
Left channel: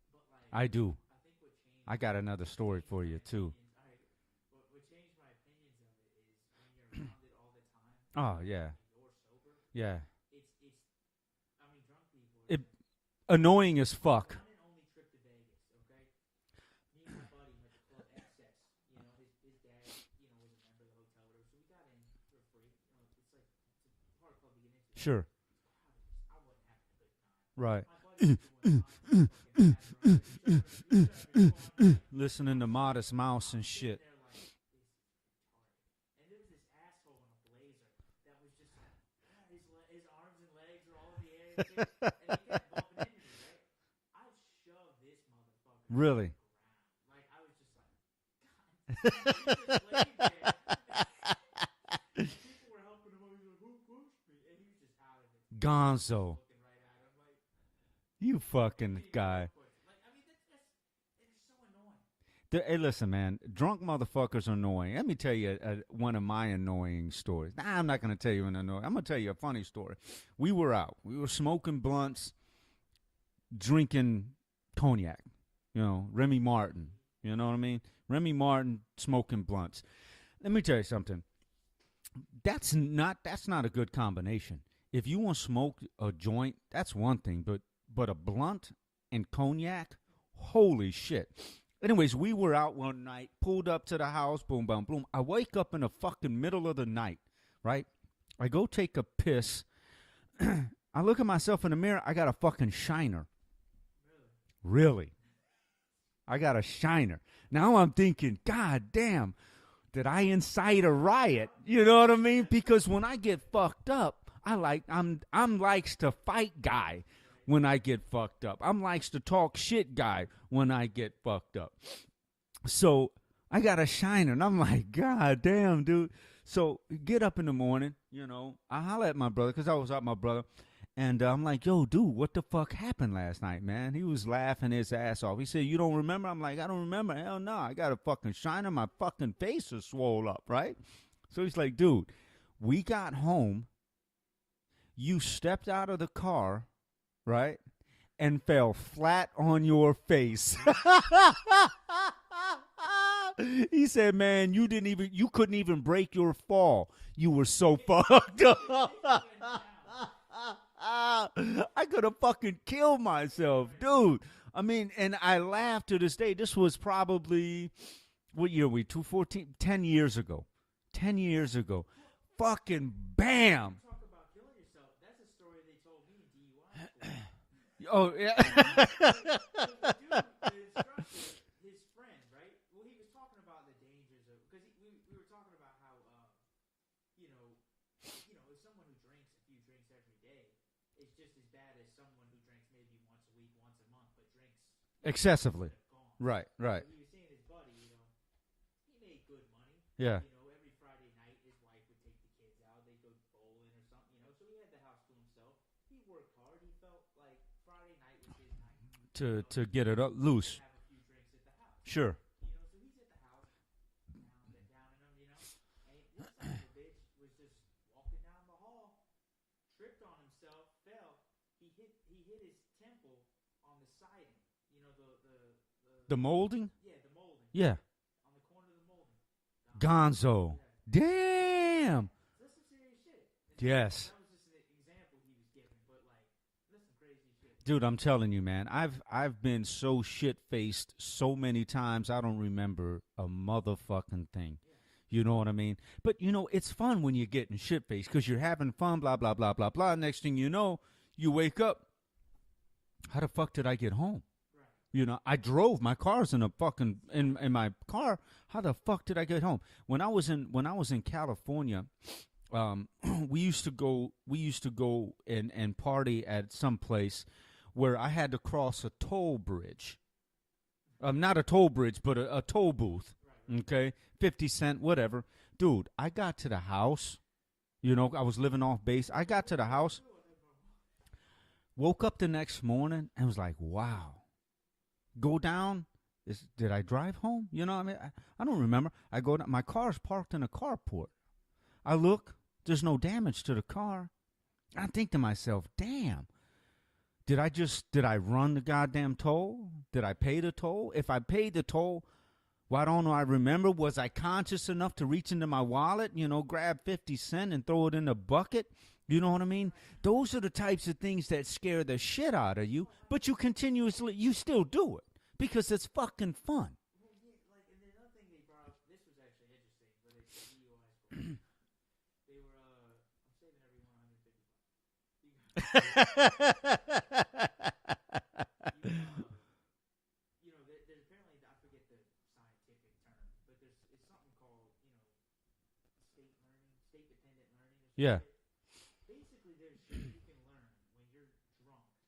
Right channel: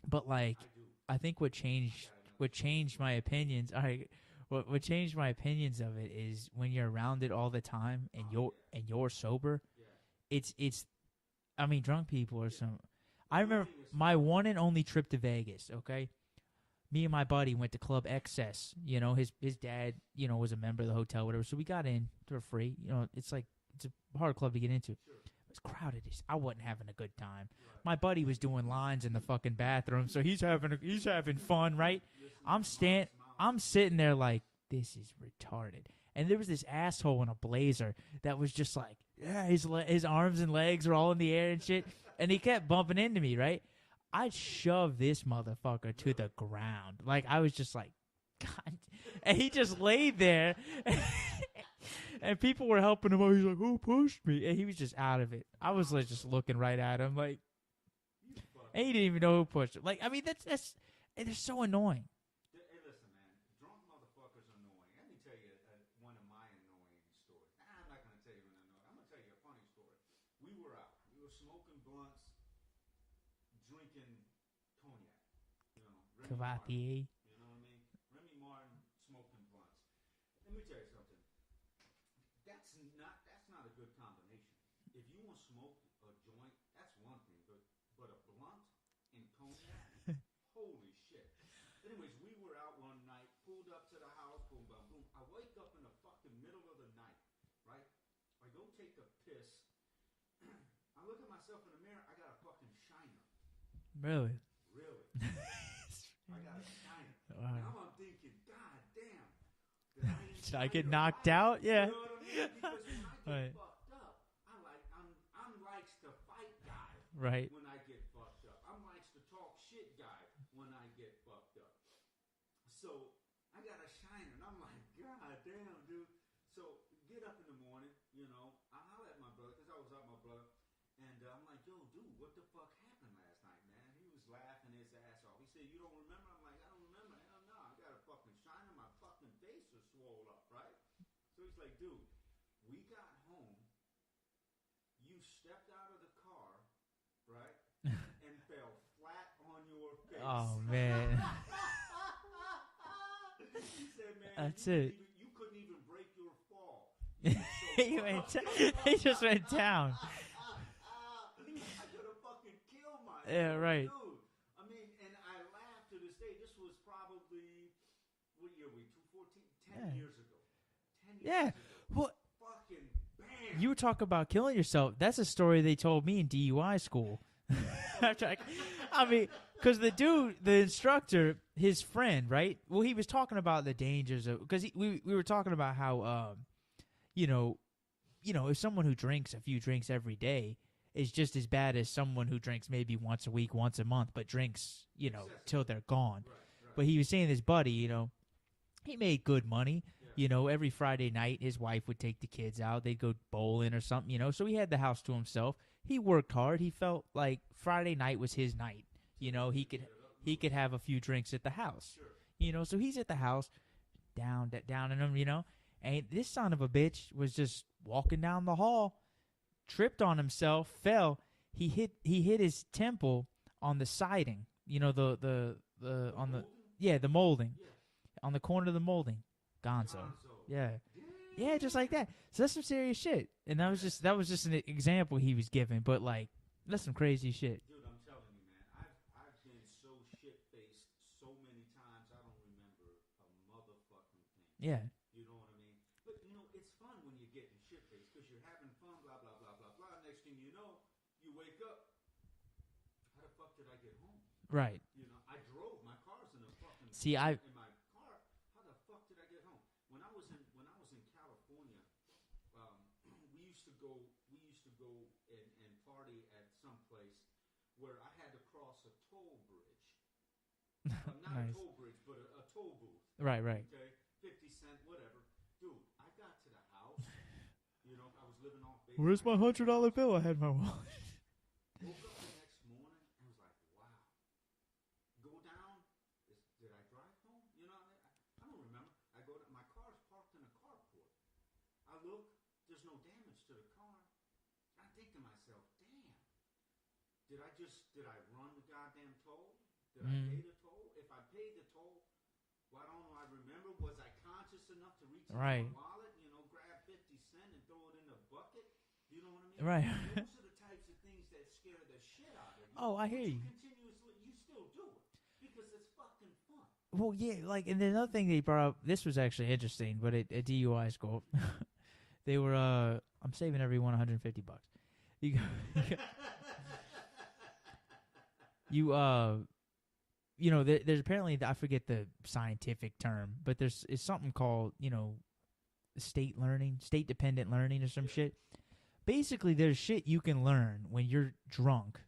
but like, I do. I think what changed. I got another What story changed for my you opinions. All right. What changed my opinions of it is when you're around it all the time and, Oh, yeah. and you're sober. too. Yeah. It's. I mean, drunk people are It- some. Annoying as My fuck. one and only trip to Vegas, okay? Me and my buddy went to Club Excess. You know, his dad, you know, was a member of the hotel, whatever. So we got in for free. You know, it's a hard club to get into. Sure. It was crowded. I wasn't having a good time. Right. My buddy was doing lines in the fucking bathroom, so he's having fun, right? Listening to Modest Mouse I'm and sitting shit. there like, this is retarded. And there was this asshole in a blazer that was just like, yeah, his arms and legs are all in the air and shit. And he kept bumping into me, right? I shoved this motherfucker to Really? the ground. Like, I was just like, God. And he just laid there. And people were helping him out. He's like, who pushed me? And he was just out of it. I was like, just Gonzo. looking right at him. Like, You fucking and he didn't even guy. know who pushed him. Like, I mean, they're so annoying. Hey, listen, man. Drunk motherfuckers are annoying. Let me tell you one of my annoying stories. Nah, I'm not going to tell you an annoying. I'm going to tell you a funny story. We were out. We were smoking blunts, drinking cognac. You know, Remy Martin. IPA. You know what I mean? Remy Martin smoking blunts. Let me tell you something. That's not a good combination. If you want to smoke a joint, that's one thing. But a blunt and cognac, holy shit. Anyways, we were out one night, pulled up to the house, boom, boom, boom. I wake up in the fucking middle of the night, right? I go take a piss. I look at myself in the mirror. I got a fucking shiner. Really? Really? I got a shiner. Now I'm thinking, God damn, did I incite get a knocked riot? out? Yeah. You know what I mean? Because when I get Right. fucked up, I'm likes to fight guy Right. when I get fucked up. I'm likes to talk shit guy when I get fucked up. So I got a shiner, and I'm like, God damn, dude. So get up in the morning, you know. I holler at my brother because I was out with my brother. And I'm like, yo, dude, what the fuck happened last night, man? He was laughing his ass off. He said, you don't remember? I'm like, I don't remember. Hell no. I got a fucking shiner. My fucking face is swole up, right? So he's like, dude, we got home. You stepped out of the car, right, and fell flat on your face. Oh, He said, man, That's you couldn't even break your fall. You were so He fucked up. he just went down. I could have fucking killed myself, right. dude. I mean, and I laugh to this day. This was probably, what year are we, 2014? 10 years ago. 10 years ago. Well, Fucking bam. you talk about killing yourself. That's a story they told me in DUI school. Oh, yeah. I mean, because the instructor, his friend, right? Well, he was talking about the dangers of, because we were talking about how, you know, if someone who drinks a few drinks every day is just as bad as someone who drinks maybe once a week, once a month, but drinks Excessively. until they're gone. Right. But he was saying his buddy, you know, he made good money. Yeah. You know, every Friday night, his wife would take the kids out. They'd go bowling or something, you know. So he had the house to himself. He worked hard. He felt like Friday night was his night. To, you know, to get it up loose. He could have a few drinks at the house. Sure. You know, so he's at the house, down in him, you know. And this son of a bitch was just walking down the hall, tripped on himself, fell. He hit his temple on the siding. You know, the molding? The molding. Yeah. On the corner of the molding. Gonzo. Yeah. Damn. Yeah, just like that. So that's some serious shit. And that was just an example he was giving, but like that's some crazy shit. Dude, I'm telling you, man. I've been so shit-faced so many times I don't remember a motherfucking thing. Yeah. You know what I mean? But, you know, it's fun when you're getting shit-faced because you're having fun, blah, blah, blah, blah, blah. Next thing you know, you wake up. How the fuck did I get home? Right. You know, I drove. My car's in a fucking in my car. How the fuck did I get home? When I was in California, we used to go and party at some place where I had to cross a toll bridge. Not a toll bridge, but a toll booth. Right. Okay, 50 cent, whatever. Dude, I got to the house. You know, I was living off base. I got to the house. I had my wallet. Woke up the next morning and was like, wow. Go down. Did I drive home? You know what I mean? I don't remember. I go down. My car's parked in a carport. I look. There's no damage to the car. I think to myself, damn. Did I run the goddamn toll? Did I pay the toll? If I paid the toll, why don't I remember? Was I conscious enough to reach into my wallet, you know, grab 50 cents and throw it in the bucket? You know what I mean? Right. Those are the types of things that scare the shit out of you. Oh, but you still do it because it's fucking fun. Well, yeah, like, and then another thing they brought up, this was actually interesting, but at DUI school, they were, I'm saving everyone $150. You know, there's apparently, I forget the scientific term, but it's something called, you know, state-dependent learning or some shit. Basically, there's shit you can learn when you're drunk.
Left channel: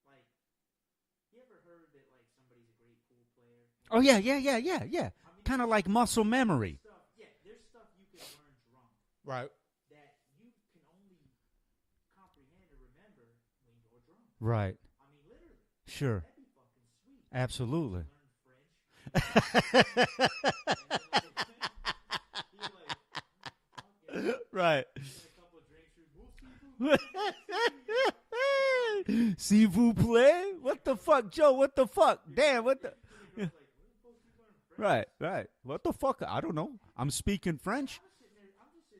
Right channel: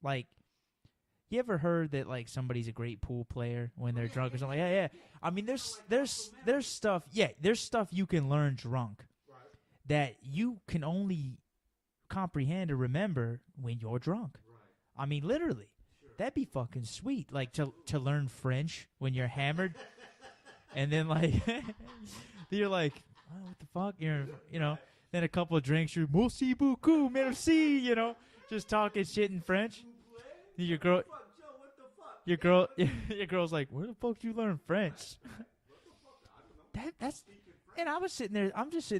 Like, you ever heard that, like, somebody's a great pool player? When yeah. I mean, kind of like muscle memory. There's stuff you can learn drunk. Right. That you can only comprehend or remember when you're drunk. Right. I mean, literally. Sure. That'd be fucking sweet. Like, absolutely. To learn French when you're hammered. And then, like, you're like, what the fuck? You right. Know, then a couple of drinks, you're, merci beaucoup, merci, you know, just talking shit in French. S'il vous plaît? What the fuck, Joe? What the fuck? Your girl's like, where the fuck did you learn French? Right. What the fuck? I don't know. I'm speaking French. And I'm just sitting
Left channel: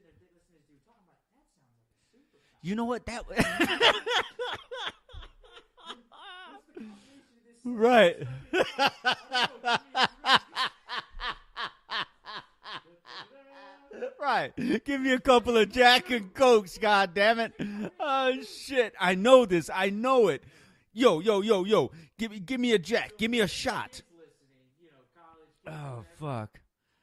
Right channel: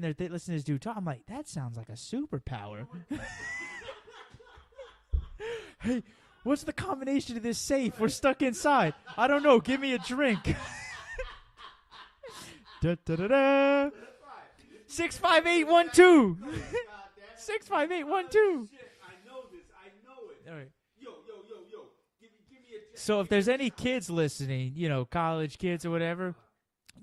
there listening to this dude talk. I'm like, that sounds like a superpower. You know what? Hey, what's the combination of this safe? Right. We're stuck inside. I don't know. Give me a drink. Da, da, da, da. Right. Give me a couple of Jack and Cokes, goddammit. 65812. Shit. I know this. I know it. Right. Yo. Give me a Jack. So give me a shot. If there's any kids listeing, you know, college kids or whatever, fuck.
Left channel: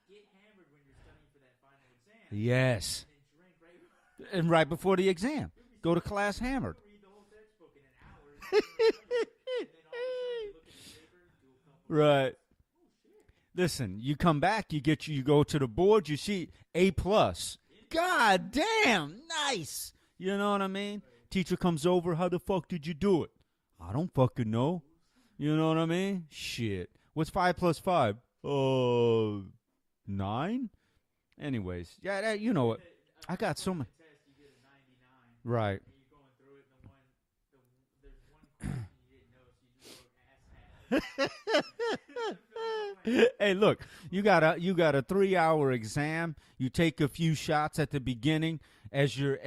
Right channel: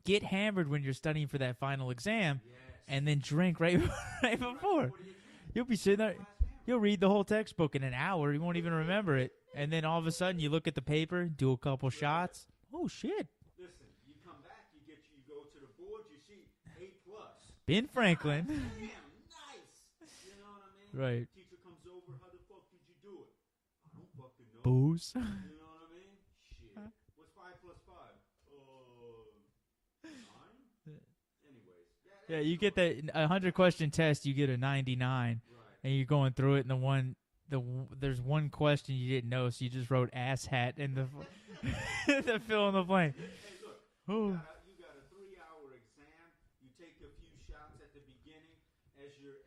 Get hammered when you're studying for that final exam. Yes. And then drink right before the exam. You'll be go to class hammered. You'll read the whole textbook in an hour. You won't even remember it. And then all of a sudden you look at the paper, do a couple shots. Oh shit. Listen, you come back, you go to the board, you see A+. Ben Franklin. God damn, nice. You know what I mean? Right. Teacher comes over, how the fuck did you do it? I don't fucking know. Booze. You know what I mean? Shit. What's 5 + 5? 9? Anyways, you know get that 100 question test, you get a 99. Right. And you're going through it, and there's one question you didn't know, so you just wrote ass hat and the fill in the blank. Hey, look, you got a 3-hour exam. You take a few shots at the beginning as you're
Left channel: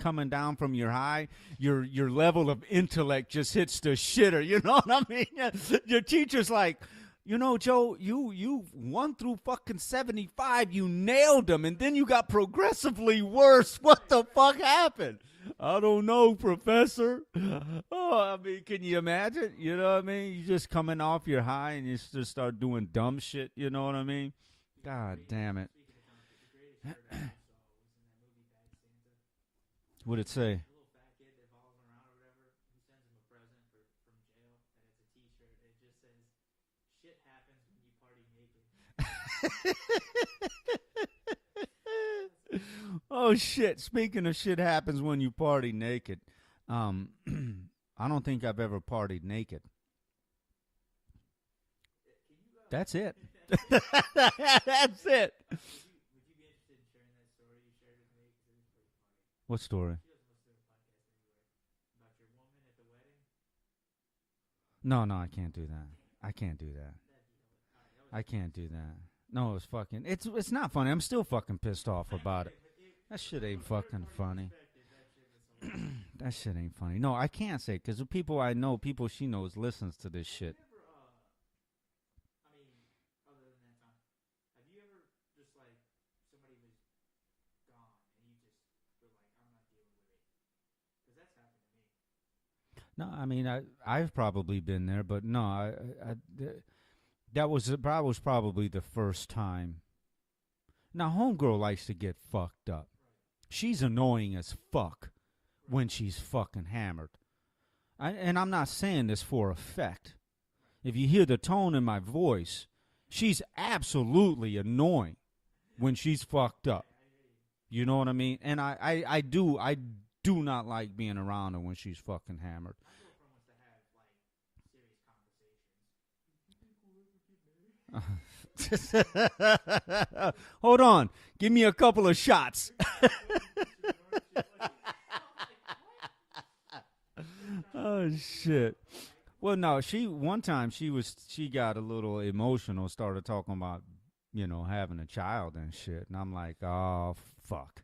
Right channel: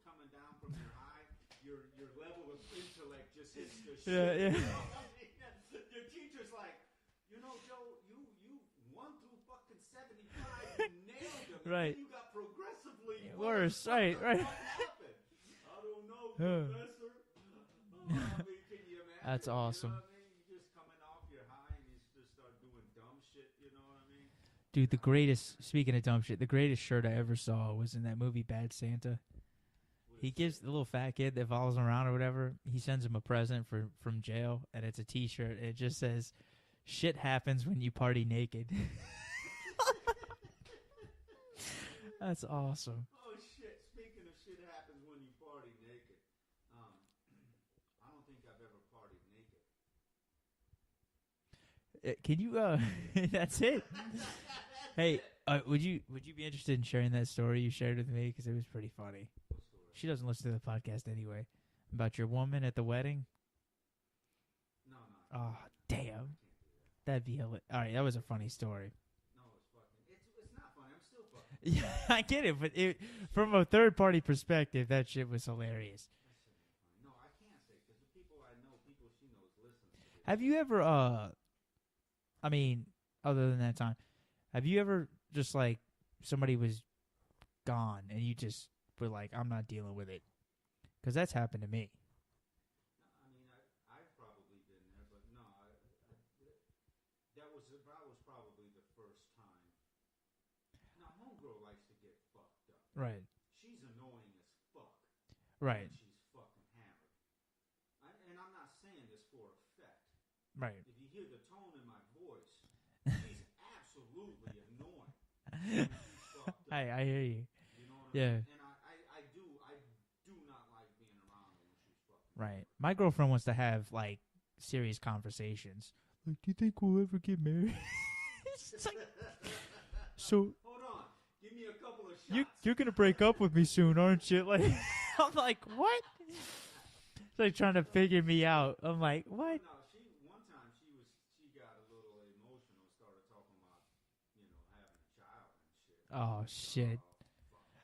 coming down from your high. Your level of intellect just hits the shitter. You know what I mean? Your teacher's like, you know, Joe, you 1 through fucking 75, you nailed them, and then you got progressively worse. What the fuck happened? I don't know, Professor. I mean, can you imagine? That's awesome. You know what I mean? You just coming off your high and you just start doing dumb shit. You know what I mean? Dude, the greatest, speaking of dumb shit, the greatest shirt I ever saw was in that movie Bad Santa. What did it say? Gives the little fat kid that follows him around or whatever, he sends him a present from jail, and it's a T-shirt. It just says, shit happens when you party naked. That's awesome. Oh, shit. Speaking of shit happens when you party naked, I don't think I've ever partied naked. Can you? That's it. That's it. That's it. Would you be interested in sharing that story you shared with me? Because it was pretty funny. What story? She doesn't listen to the podcast anyway. About your woman at the wedding. No, I can't do that. Damn, I can't do that. that'd be hilarious. All right, that was a funny story. No, it was fucking. It's not funny. I'm still fucking pissed off. I about get it, but from ain't a third fucking party funny. perspective, that shit was hilarious. That shit ain't funny. No, I can't say because the people I know, people she knows, listens to this. Have shit. you ever? I mean, other than that time, have you ever just like somebody was gone and you just were like, I'm not dealing with it? Because that's happened to me. No, I mean I've probably been there, but no, that was probably the first time. Now, homegirl likes to get fucked up. Right. She's annoying as fuck Right. when she's fucking hammered. And I'm not saying this for effect. Right. If you hear the tone in my voice, she's absolutely annoying when she's fucked up. I hear you. You know what I mean? Yeah. And I do not like being around her when she's fucking Right. hammered. My girlfriend wants to have like serious conversations. Like, do you think we'll ever get married? So hold on, give me a couple of shots. You're gonna break up with me soon, aren't you? Like, I'm like, what? They're trying to figure me out. I'm like, what? Well, no, one time she got a little emotional, started talking about, having a child and shit. And I'm like, shit. oh fuck.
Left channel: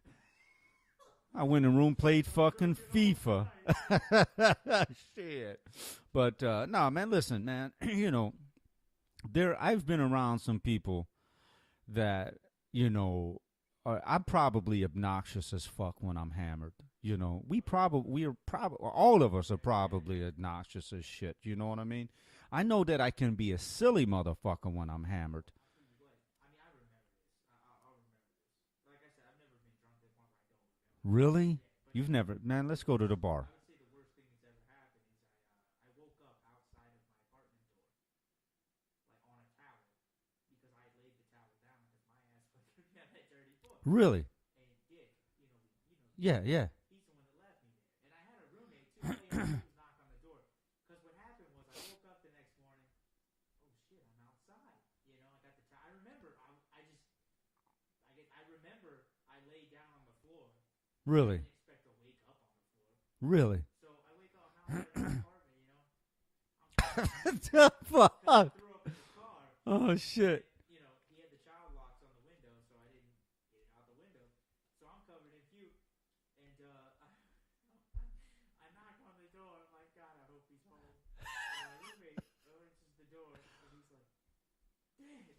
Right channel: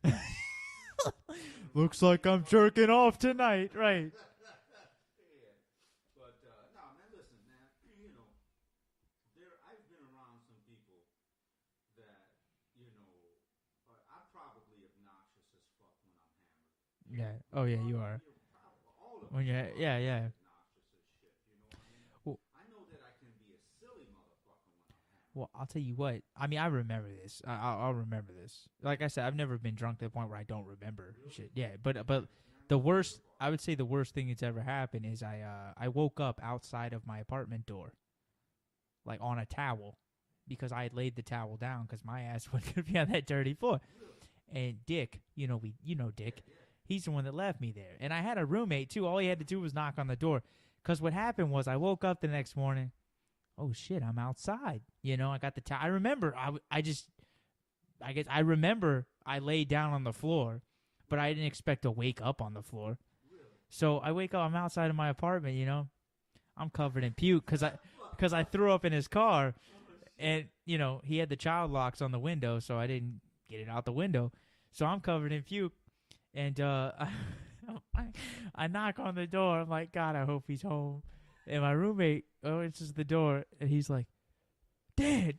I went in room. Looks like I'm fucking jerking FIFA. off tonight, right? Shit. But no, man, listen, man. I've been around some people that I'm probably obnoxious as fuck when I'm hammered. We're probably all of us are probably obnoxious as shit. You know what I mean? Well, I know that I can be a silly motherfucker when I'm hammered. Well, I'll tell you what. I mean, I remember this. I'll remember this. Like I said, I've never been drunk to the point where I don't remember. Really? Yeah, but You've but never, man. Let's go to the bar. I would say the worst thing that's ever happened is I woke up outside of my apartment door, like on a towel, because I had laid the towel down because my ass wasn't gonna be on that dirty floor. Really? And Dick, Dick. Yeah. He's the one that left me there. And I had a roommate too. All he had to do was knock on the door. Because what happened was I woke up the next morning. Oh shit, I'm outside. I got the towel. I remember. I guess I remember I laid down on the floor, but Really? I didn't expect to wake up on the floor. Really? So I wake up. I'm outside of my apartment. I'm covered in puke because I threw up in his car. Oh shit! And he had the child locks on the window, so I didn't get it out the window. So I'm covered in puke, and I knock on the door. I'm like, God, I hope he's home. And my roommate answers the door, and he's like, Dad.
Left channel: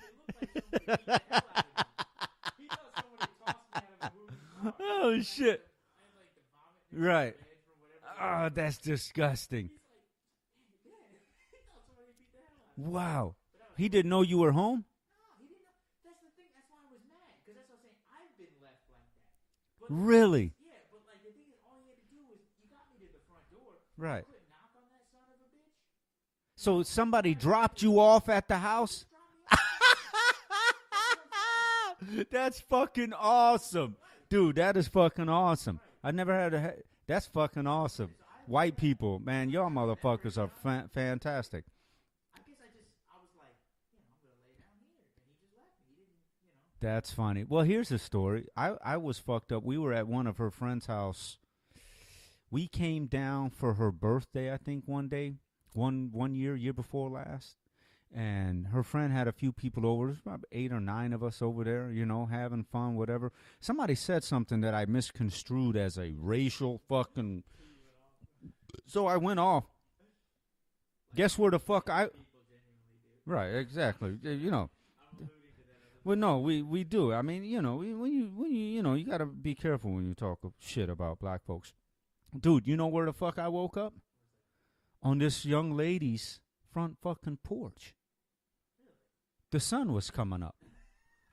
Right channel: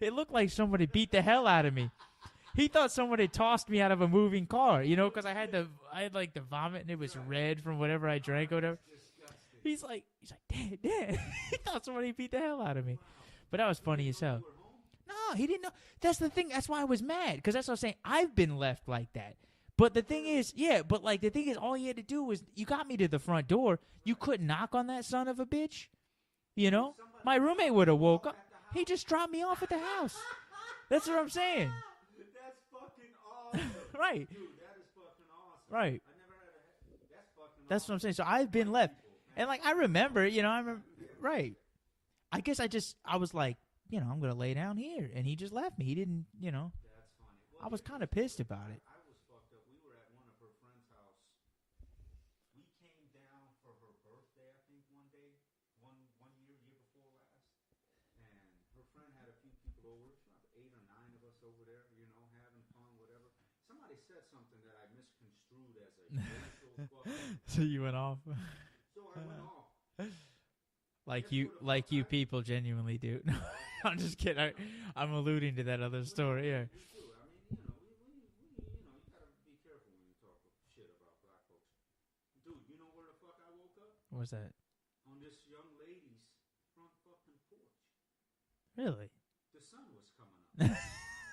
It looked like somebody beat the hell out of me. He thought someone had tossed me out of a moving car, because I had like the vomit and it was red from whatever I drank. Oh, that's disgusting. He's like, Dad. He thought somebody beat the hell out of me. Wow. But that was he funny didn't know you were home? No, he didn't know. That's the thing. That's why I was mad, because that's what I was saying. I've been left like that. But the really? thing is, but like the thing is, all you had to do was you got me to the front door. Right. You couldn't knock on that son of a bitch. Somebody My dropped roommate you off at the He house? just dropped me off at the house. That's what I'm saying. That's fucking awesome. Right. Dude, that is fucking awesome. Right. I never had that's fucking That's awesome. what I'm saying. So I've been White left. people, man, And, like, y'all I remember, motherfuckers are fantastic. Right. I guess I was like, I'm going to lay down here. And he just left me. He didn't, That's funny. Well, I was here's the kinda story. pissed about it. I was fucked up. We were at one of her friend's house. We came down for her birthday, I think, one day. One year before last. And her friend had a few people over. There's about 8 or 9 of us over there, having fun, whatever. Somebody said something that I misconstrued as a racial fucking... So you went off? So I went off. Like Guess where the fuck you people genuinely do. Right, exactly. I'm just kidding. I'm alluding to that other well, story. no, we do. I mean, when you got to be careful when you talk shit about black folks. Dude, you know where the fuck I woke up? What was that? On this young lady's front fucking porch. Really? The sun was coming up.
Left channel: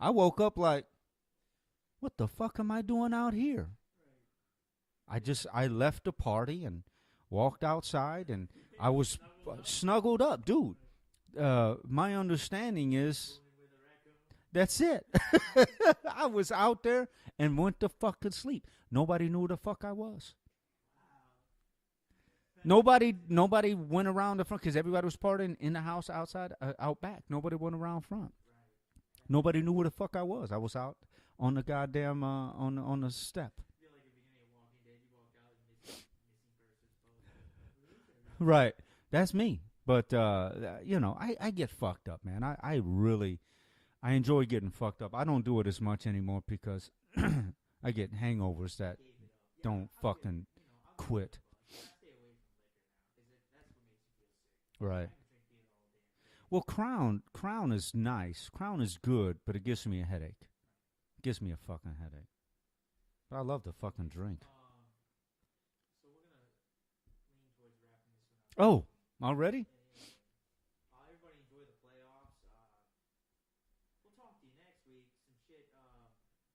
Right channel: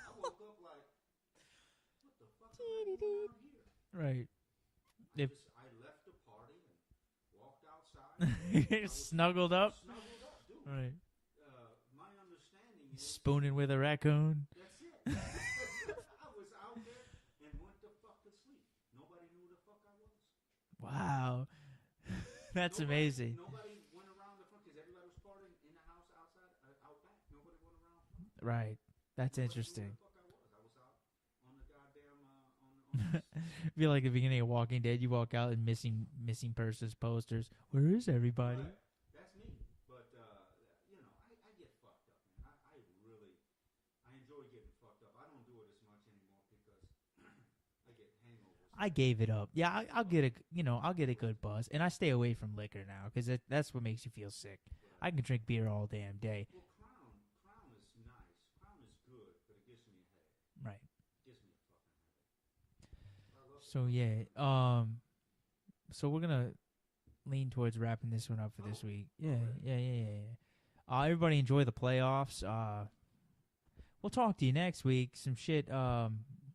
I woke up like, what the fuck am I doing out here? Right. I left the party and walked outside, and I was snuggled up, dude. Right. My understanding is spooning with a raccoon. That's it. I was out there and went to fucking sleep. Nobody knew who the fuck I was. Wow. That's nobody amazing. Nobody went around the front because everybody was partying in the house outside, out back. Nobody went around front. Right. That's Nobody knew who the fuck I was. I was out on the goddamn on the step. I feel like the beginning of Walking Dead, you walk out and missing persons posters. Where is everybody? Right. That's me. But you know, I get fucked up, man. I really enjoy getting fucked up. I don't do it as much anymore because I get hangovers. I gave it up. Yeah, I'll get I'll get quit. a good buzz, and I stay away from liquor now because that's what makes you feel sick. Right. I can drink beer all damn day. Well, Crown is nice. Crown is good, but it gives me a headache. Right. It gives me a fucking headache. But I love the So fucking yeah, drink. so we're gonna lean towards wrapping this one up for this week. Already? Yeah. Everybody enjoy the playoffs. We'll talk to you next week. Some shit.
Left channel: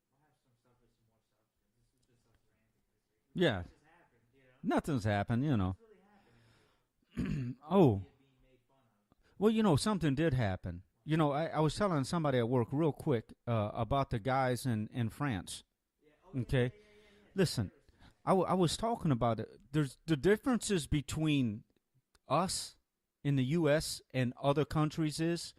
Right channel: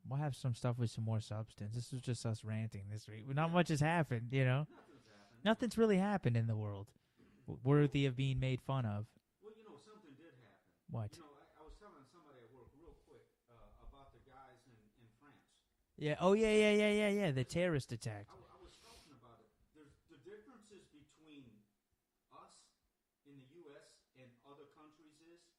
We'll have some stuff with some more substance. This was just us ranting this week. Not much has happened, you know. Nothing's happened. Nothing's really happened in the world worthy of being made fun of. Well, you know, something did happen. What? You know, I was telling somebody at work real quick about the guys in France. Yeah. Oh, yeah, Okay. yeah. The Listen, terrorist attack. I was talking about it. There's the differences between us in the U.S. and other countries is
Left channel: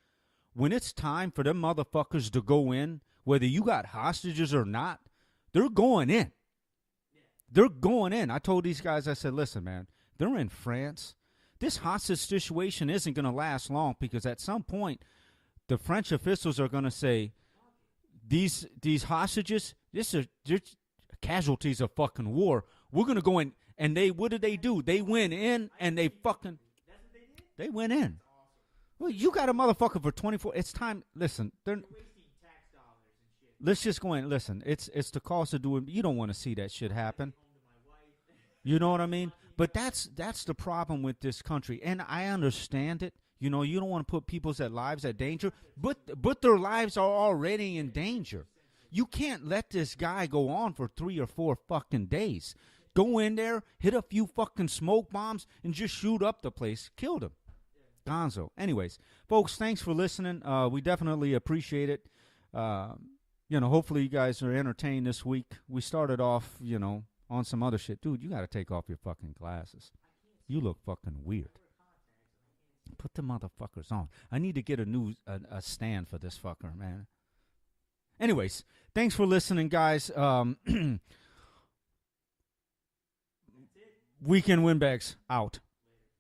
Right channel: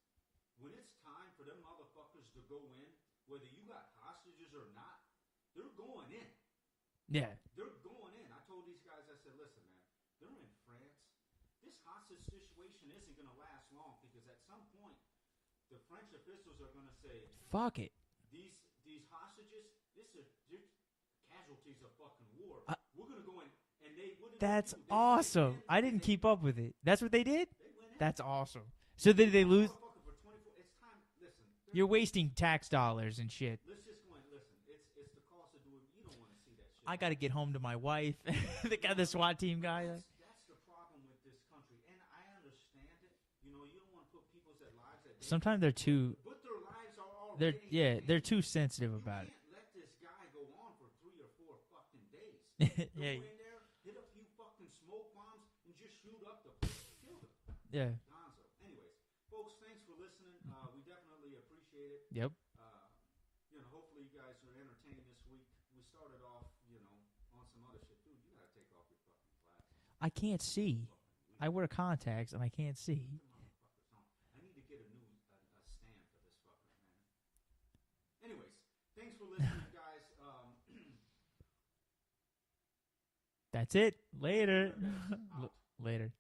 when it's time for them motherfuckers to go in, whether you got hostages or not, they're going in. Yeah. They're going in. I told these guys, I said, listen, man, they're in France. This hostage situation isn't going to last long because at some point, the French officials are going to say, fuck it. These hostages, they're casualties of fucking war. We're going to go in. And what did they do? They awesome. went in I didn't and they keep up with it. That's what they did? They went in. That's awesome. So you got a motherfucker for 24. It's time. Listen, you're wasting tax dollars and shit. Let's just go in. Listen, it's the cost of doing. You don't want to see that shit happen. I gotta get home to my wife. You know what I mean? But that's the problem with this country, and I understand it. You know, you don't want to put people's lives at danger. Sometimes they're too. But their lives are already in danger. They're too sensitive. You can't let this guy go on for 3 or 4 fucking days. Go in there, hit a few fucking smoke bombs, and just shoot up the place. Killed him. Yeah. Gonzo. Anyways, folks, thanks for listening. We definitely appreciate it. Yep. You know, hopefully you guys are entertained this week. We started off, you know, on some other shit. Dude, you got to take off your fucking glasses. I can't see. You look fucking weird. I wear contacts and I can't see. Put the motherfuckers on. I need to get a stand for this fucker, man. Anyways, thanks for listening, guys. That's it. Later. Weekend Windbags out. Later.